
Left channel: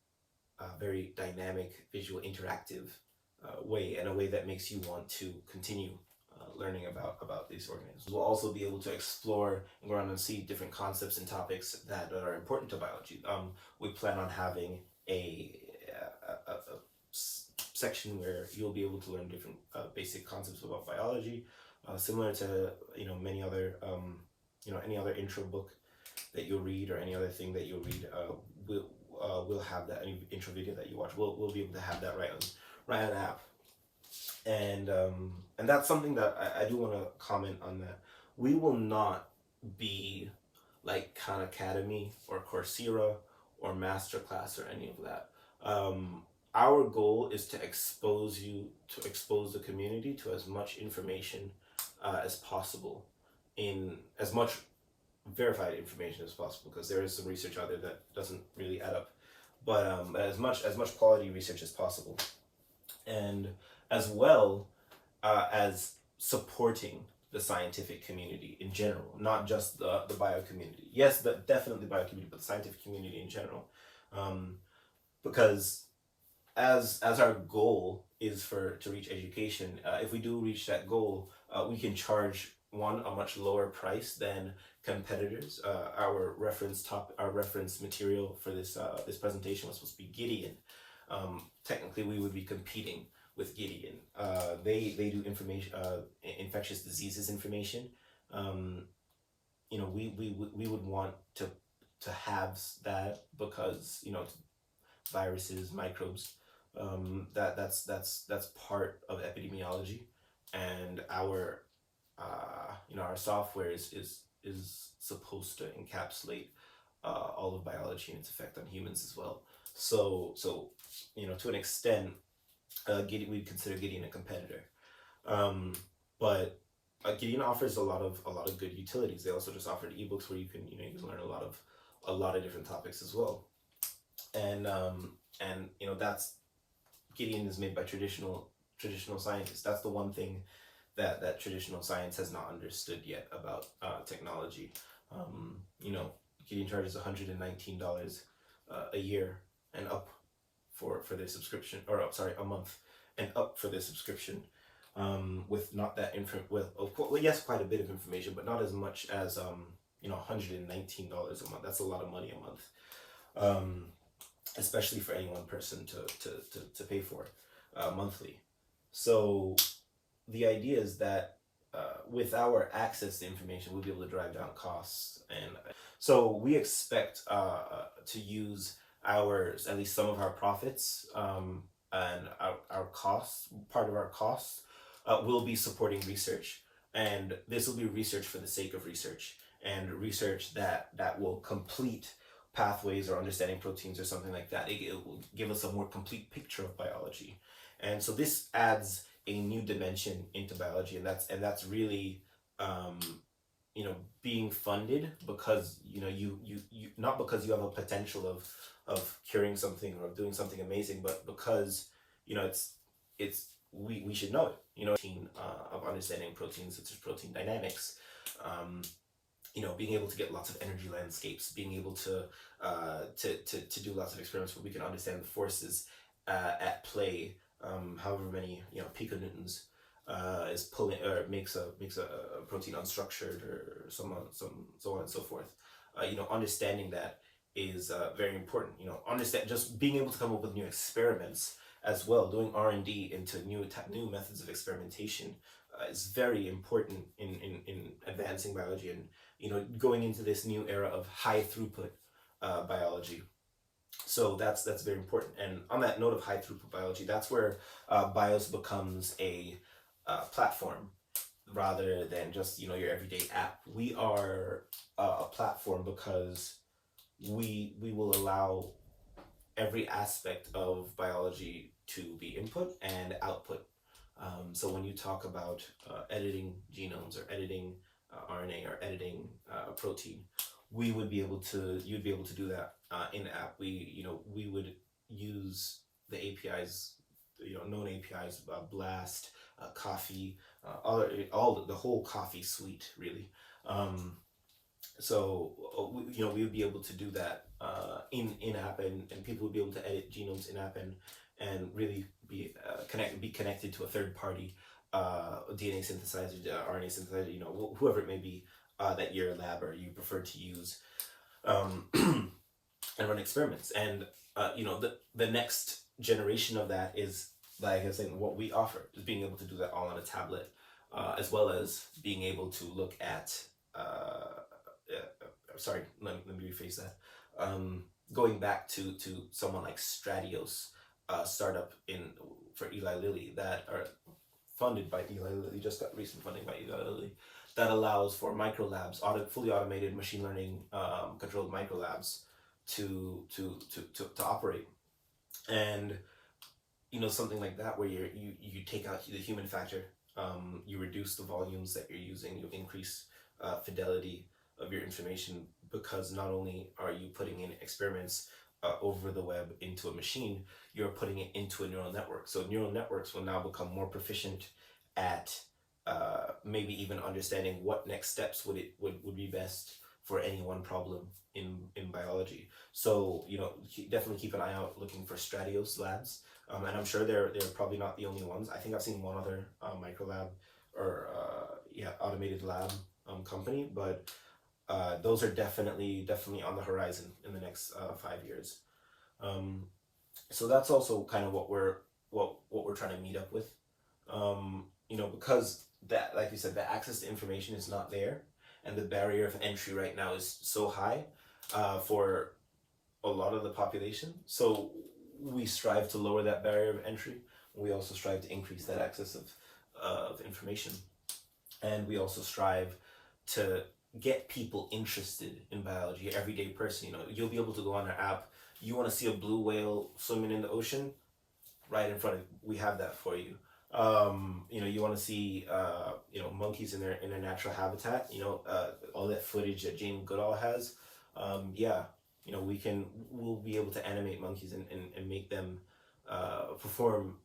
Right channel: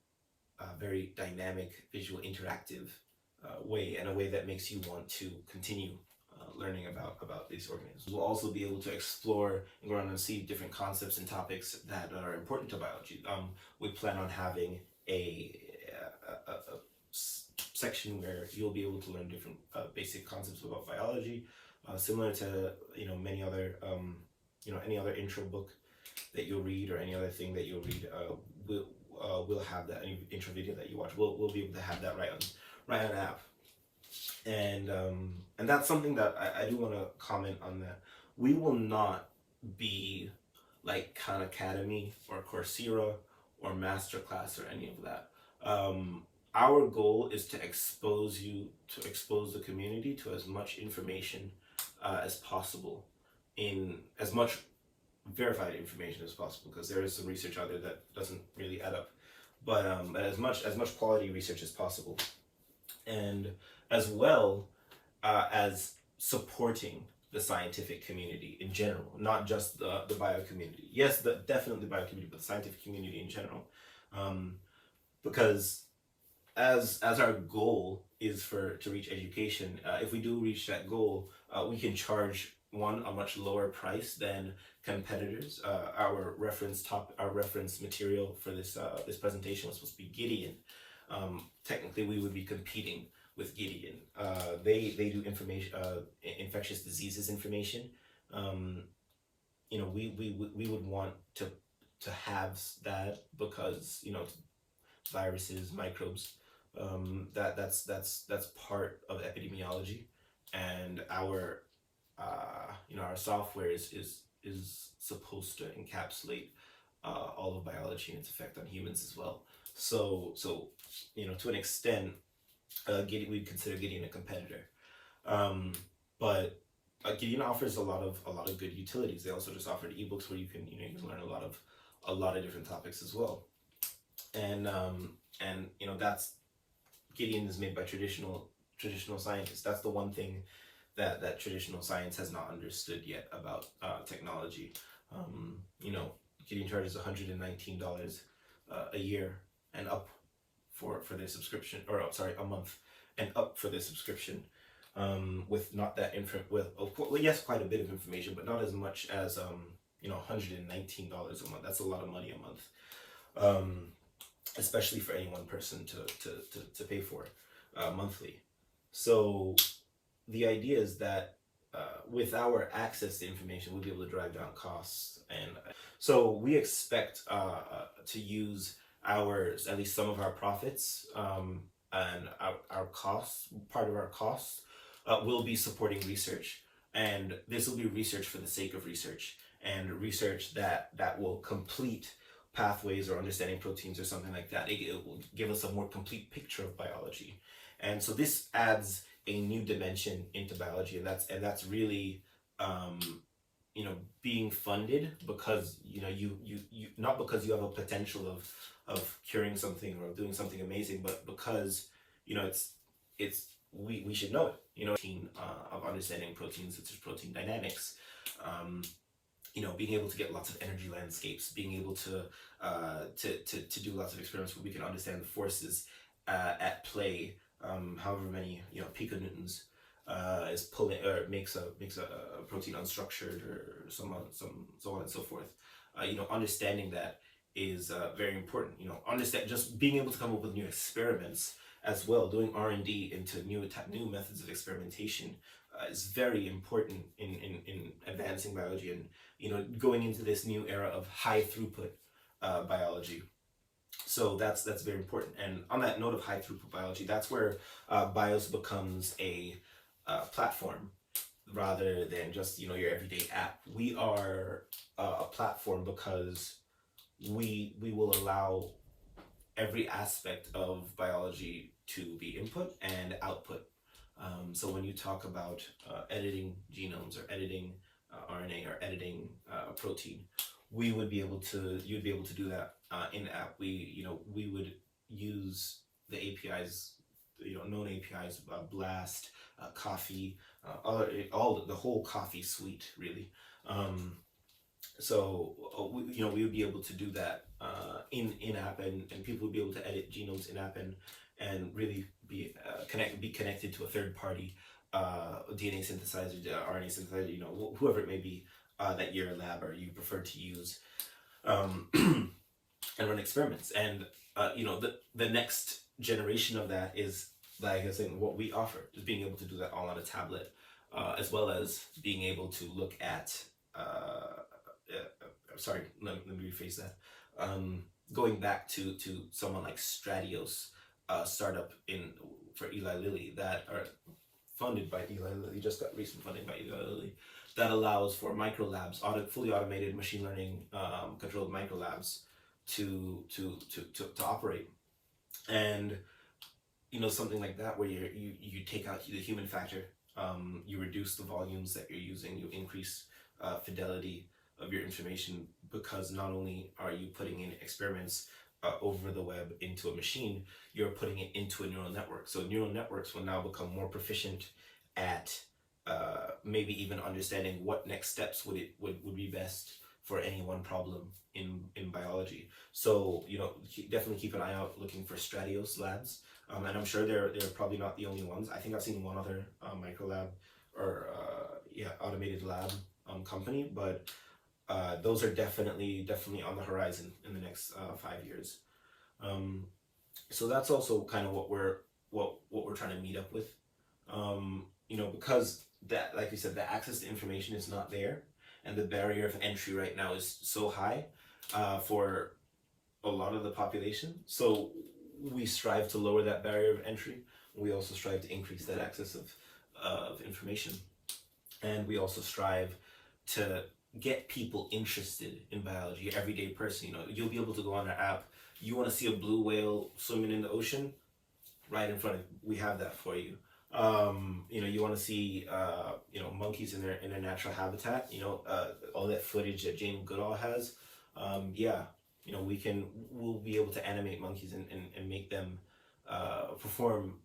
very dynamic, visual, interactive way, and a way that makes you want to continue learning about these organisms. We'll also be able to explore and go around and see different concepts and topics that are important to biology. We plan on having a section where you'll be able to learn different basic concepts about biology, similar to many other any other intro book that you'll read, or any other thing that you'll read. We'll have that any intro video that you watch. We'll be able to have that right on app, and that's something that I do want to comment on. That we will not be like Khan Academy or Coursera or Masterclass or any of that. Our goal is to expose the community to as much information as possible, in as much verified information as possible, because there is some research out there that doesn't really add up, but as much quality research as possible, and as well as supporting the scientific community in general, not just the bio community. Yes, definitely bio community, but the scientific community in general, because as our goal is to reach education, if we do reach that goal, we can charge a much lower price than competitors. Our reference material for this presentation was supposed to be Gideon. Technically, we would be competing with Gideon. They do information, infectious diseases information. We would want to have that, because viruses, microbes, that's part of epidemiology, and our our software is supposed to encapsulate all of biology and its effect on humans as well. So to an extent, we'd consider Gideon a competitor, but Gideon offers a lot of good utilities. They also just offered ebooks where you can learn a lot of different topics as well, and that's Gideon is made by traditional scientists. That's the one thing that traditional science has not understood yet about technology. Gideon charges $119 a year and up for their subscription, or sorry, a month and up for their subscription, with not that yes, quite a bit of information, but not as much as $119 a month. That's a lot of money a month, especially for any one person to pay for monthly. So the idea is that with our access to information, we'll be able to drive down costs, and so we expect to use at least some of our profits, and our costs. Part of our costs will be supporting research, and this will be research for the sake of research, and research that will complete pathways or understanding proteins or something like that. It will give us a more complete picture of biology, and so this adds a new dimension into biology, and that's really being funded because you not because you have a potential of curing something or doing something amazing, but because we should know it. Of understanding proteins, such as protein dynamics, being able to get lots of energy landscapes, being able to do lots of experiments where we can understand the forces at play, however many piconewtons is pulling or makes a protein unstructured, or so on and so forth. Understanding that is very important. Understand, just being able to come up with new experiments as well, doing R&D into new methods of experimentation is very important in advancing biology, and going into this new era of high throughput biology. So that's very important. And on that note of high throughput biology, that's where BIOS becomes a platform rather than just your everyday app. We are a platform because we will allow every aspect of biology to be input and output. So when you talk about editing genomes, or editing RNA, or editing protein, you'd be able to do that in the app. We would use the APIs, known APIs, Blast, Coffee, all the whole Coffee suite really, So we would be able to do that in app, and people would be able to edit genomes in app, and really be connected to a third party DNA synthesizer, RNA synthesizer, whoever it may be that your lab or you prefer to use, um, and run experiments. And the next generation of that is, like I was saying, what we offer is being able to do that all on a tablet, as well as being able to look at. Sorry, let me rephrase that. Going back to someone like Stratios, startup in for Eli Lilly that are funded by Eli Lilly, just got recent funding by Eli Lilly, that allows for micro labs, fully automated machine learning controlled micro labs to operate. And something like that where you take out the human factor, you reduce the volumes that you're using, you increase fidelity of your information, because not only are you putting in experiments over the web into a machine, you're putting it into a neural network. So neural networks will now become more proficient at maybe even understanding what next steps would be best for any one problem in biology. So definitely keep an eye out looking for Stratios labs, and I'm sure they're probably not the only ones. I think I've seen one other micro lab or automated lab company, but those are definitely on the horizon in the next 5 years. So that's also kind of what we're trying to meet up with. Because that, like you said, the access to information is not there, and the barrier of entry right now is so high for a lot of the population. So we strive to lower that barrier of entry. We also strive to increase that access of information, and we also strive to get people interested in biology. Everyday person, you'll be able to go on our app. You want to see a blue whale swimming in the ocean, right in front of you. We have that for you. You want to see monkeys in their natural habitat. All that footage that Jane Goodall has. We'll be able to animate monkeys and make them perform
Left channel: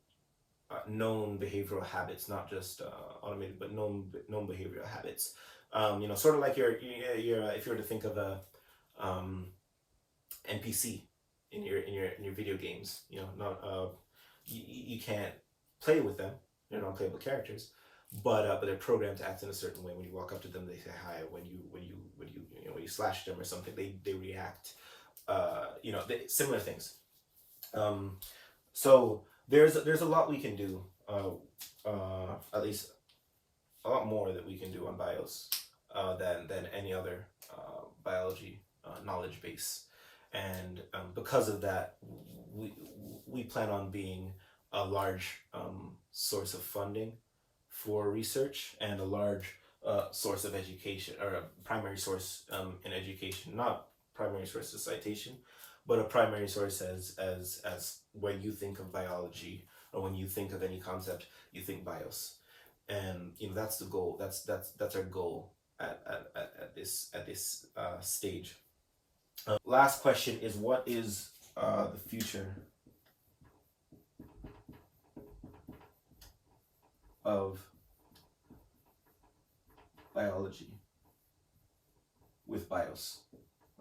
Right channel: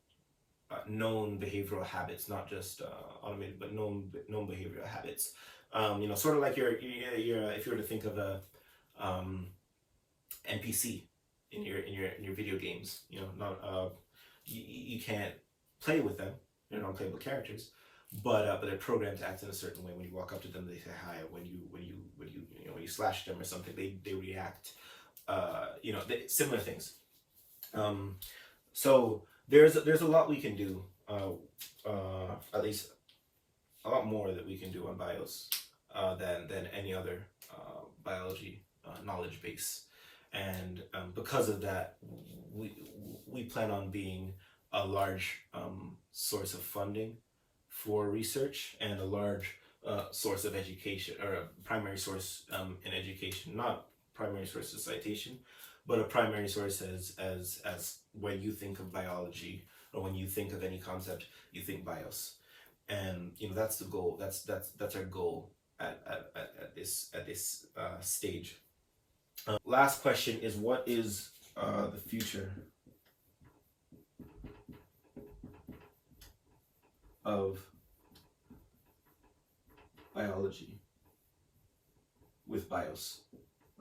known behavioral habits, not just automated, but known behavioral habits. Sort of like your if you were to think of a NPC in your video games, not you can't play with them. They're non-playable characters, but they're programmed to act in a certain way. When you walk up to them, they say hi. When you slash them or something, they react. Similar things. So there's a lot we can do. At least a lot more that we can do on BIOS than any other biology knowledge base, and because of that, we plan on being a large source of funding for research, and a large source of education, or a primary source in education, not primary source of citation, but a primary source as when you think of biology, or when you think of any concept, you think BIOS. And that's the goal. That's our goal at this stage. Last question is, what is the future of biology with BIOS,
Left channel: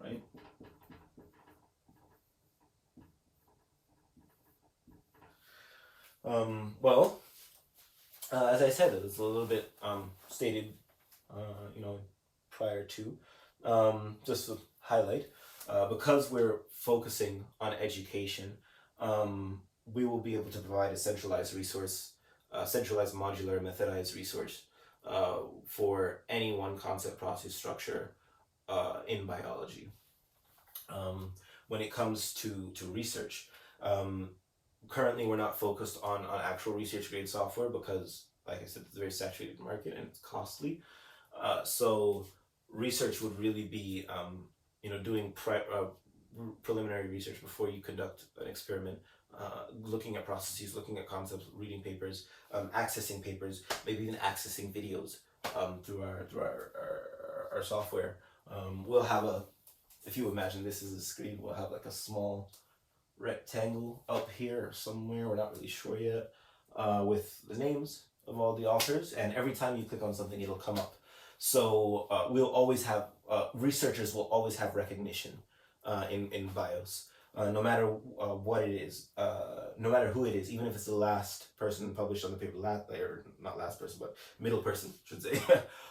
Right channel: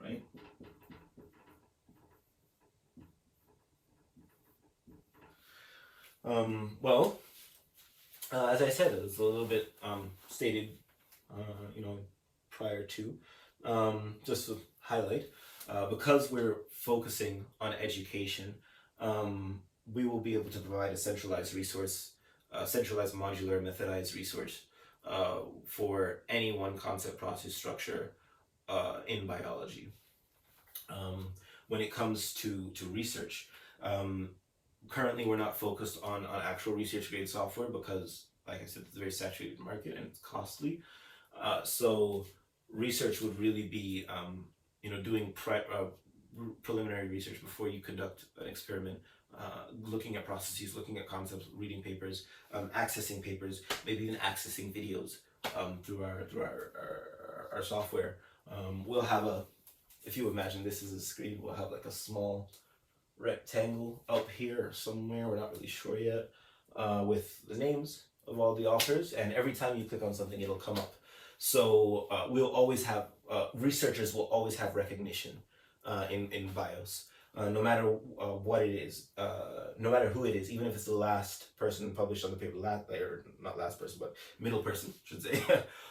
right? Well, as I said, it was a little bit stated, prior to, just to highlight, because we're focusing on education, we will be able to provide a centralized resource, centralized modular methodized resource for any one concept, process, structure in biology. When it comes to research, currently we're not focused on actual research grade software, because, like I said, it's a very saturated market and it's costly. So research would really be doing preliminary research before you conduct an experiment, looking at processes, looking at concepts, reading papers, accessing papers, maybe even accessing videos through our software. We'll have if you imagine this is a screen, we'll have like a small rectangle up here somewhere, we're not really sure yet, with the names of all the authors, and every time you click on something, it'll come up. So we'll always have researchers will always have recognition in BIOS, no matter what it is, no matter who it is, even if it's the last person published on the paper, or not last person, but middle person, should say,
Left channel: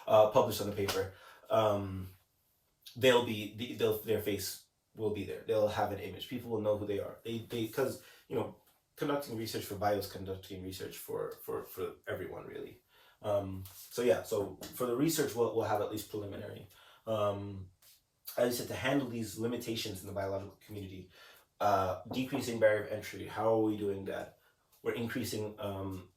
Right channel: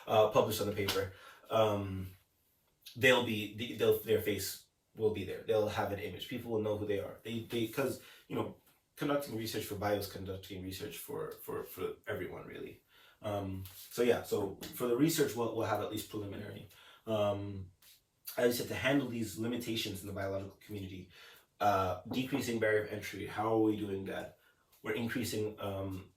published on the paper. Um, their face will be there. They'll have an image. People will know who they are. Because you know, conducting research for BIOS, conducting research for everyone really. So yeah, so for the research, we'll have at least preliminary. Um, as I said, to handle these limitations in the biological community, decreasing barrier of entry. How are we doing that? We're increasing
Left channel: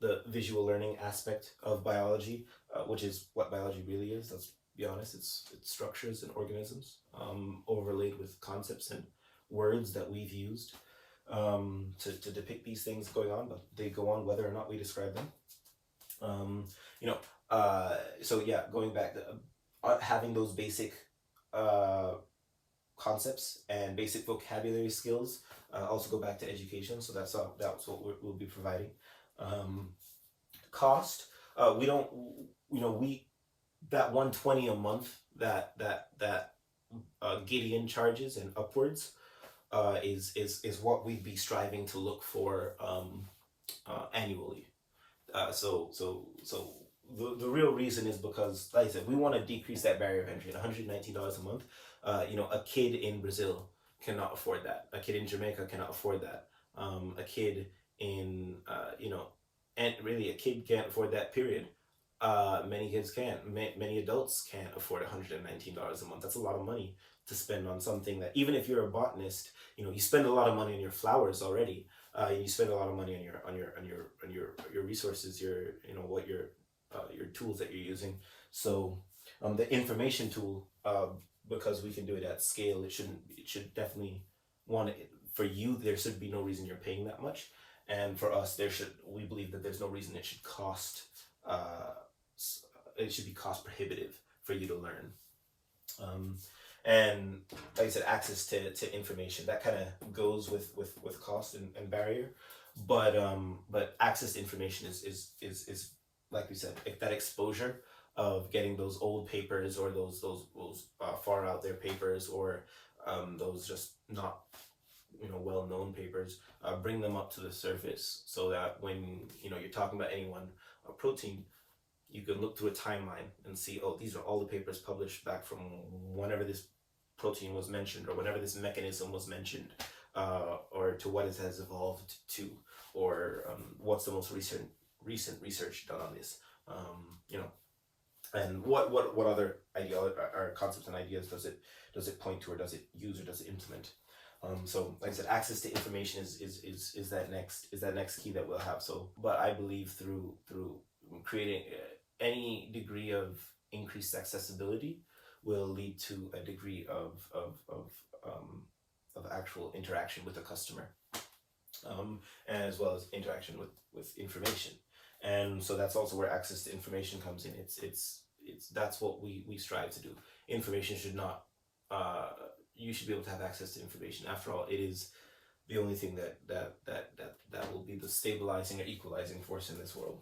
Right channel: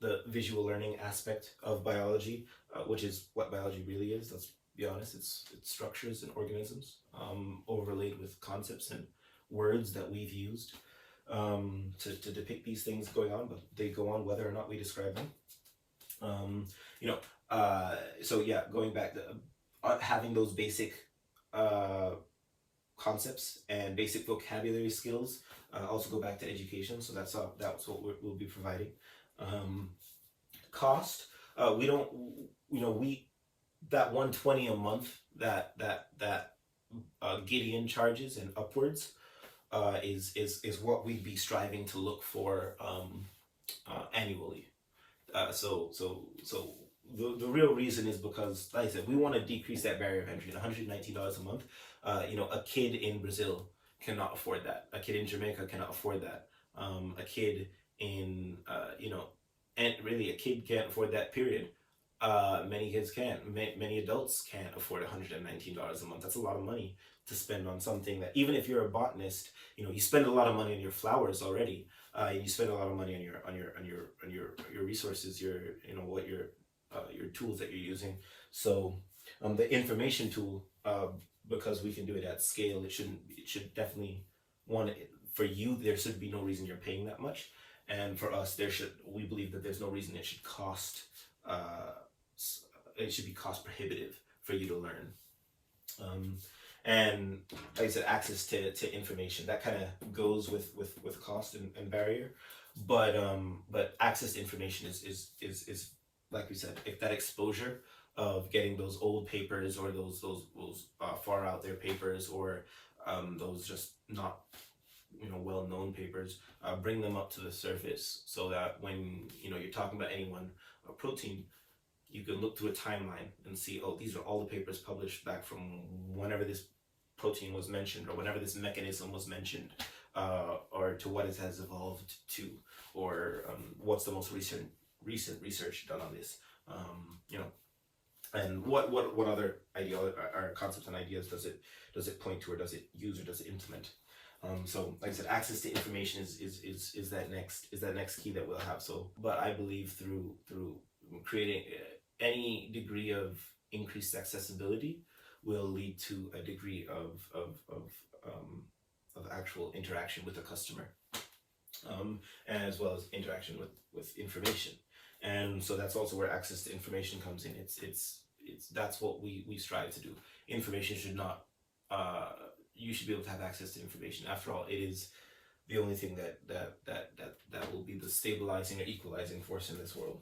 the visual learning aspect of biology, which is what biology really is. Let's be honest. It's structures and organisms overlaid with concepts and words that we've used to depict these things going on, but they go on whether or not we describe them. You know, so yeah, going back to having those basic uh, concepts and basic vocabulary skills. Also go back to education, so that's what we'll be providing. Um, Cost, we don't, we that 120 a month that Gideon charges and upwards is what we'd be striving to look for annually. So the real reason is because, like I said, we want to decrease that barrier of entry. At $119 a month, a kid in Brazil cannot afford that. A kid in Jamaica cannot afford that. A kid in and really a kid can't afford that. Period. Many kids can't. Many adults can't afford $119 a month. That's a lot of money to spend on something that, even if you're a botanist, you spend a lot of money on your flowers already. You spend a lot of money on your resources, your tools that you're using. So the information tool, because we can do it at scale, it should definitely for you, there should be no reason you're paying that much, and for us, we believe that there's no reason it should cost uh, it should be cost prohibitive for you to learn. And like I said, access to information that kind of goes with cost and barrier, but access to information is like we said, if that exposure of getting those old papers, or those far out there papers, or those just not well known papers, bring them up to the surface, so that when you're talking about any one protein, you can look through a timeline and see, oh, these are all the papers published back from whenever this protein was mentioned, or whenever this mechanism was mentioned, or to what it has evolved to, or what's the most recent research done on this. And what other or concepts and ideas does it point to, or does it use, or does it implement? So like I said, access to information is that next key that we'll have. So, but I believe through creating any degree of increased accessibility will lead to a degree of actual interaction with the customer, and as well as interaction with information. And so that's also where access to information comes in. It's that's what we strive to do. Information should not you should be able to have access to information. After all, it is the only thing that will be the stabilizing or equalizing force in this world.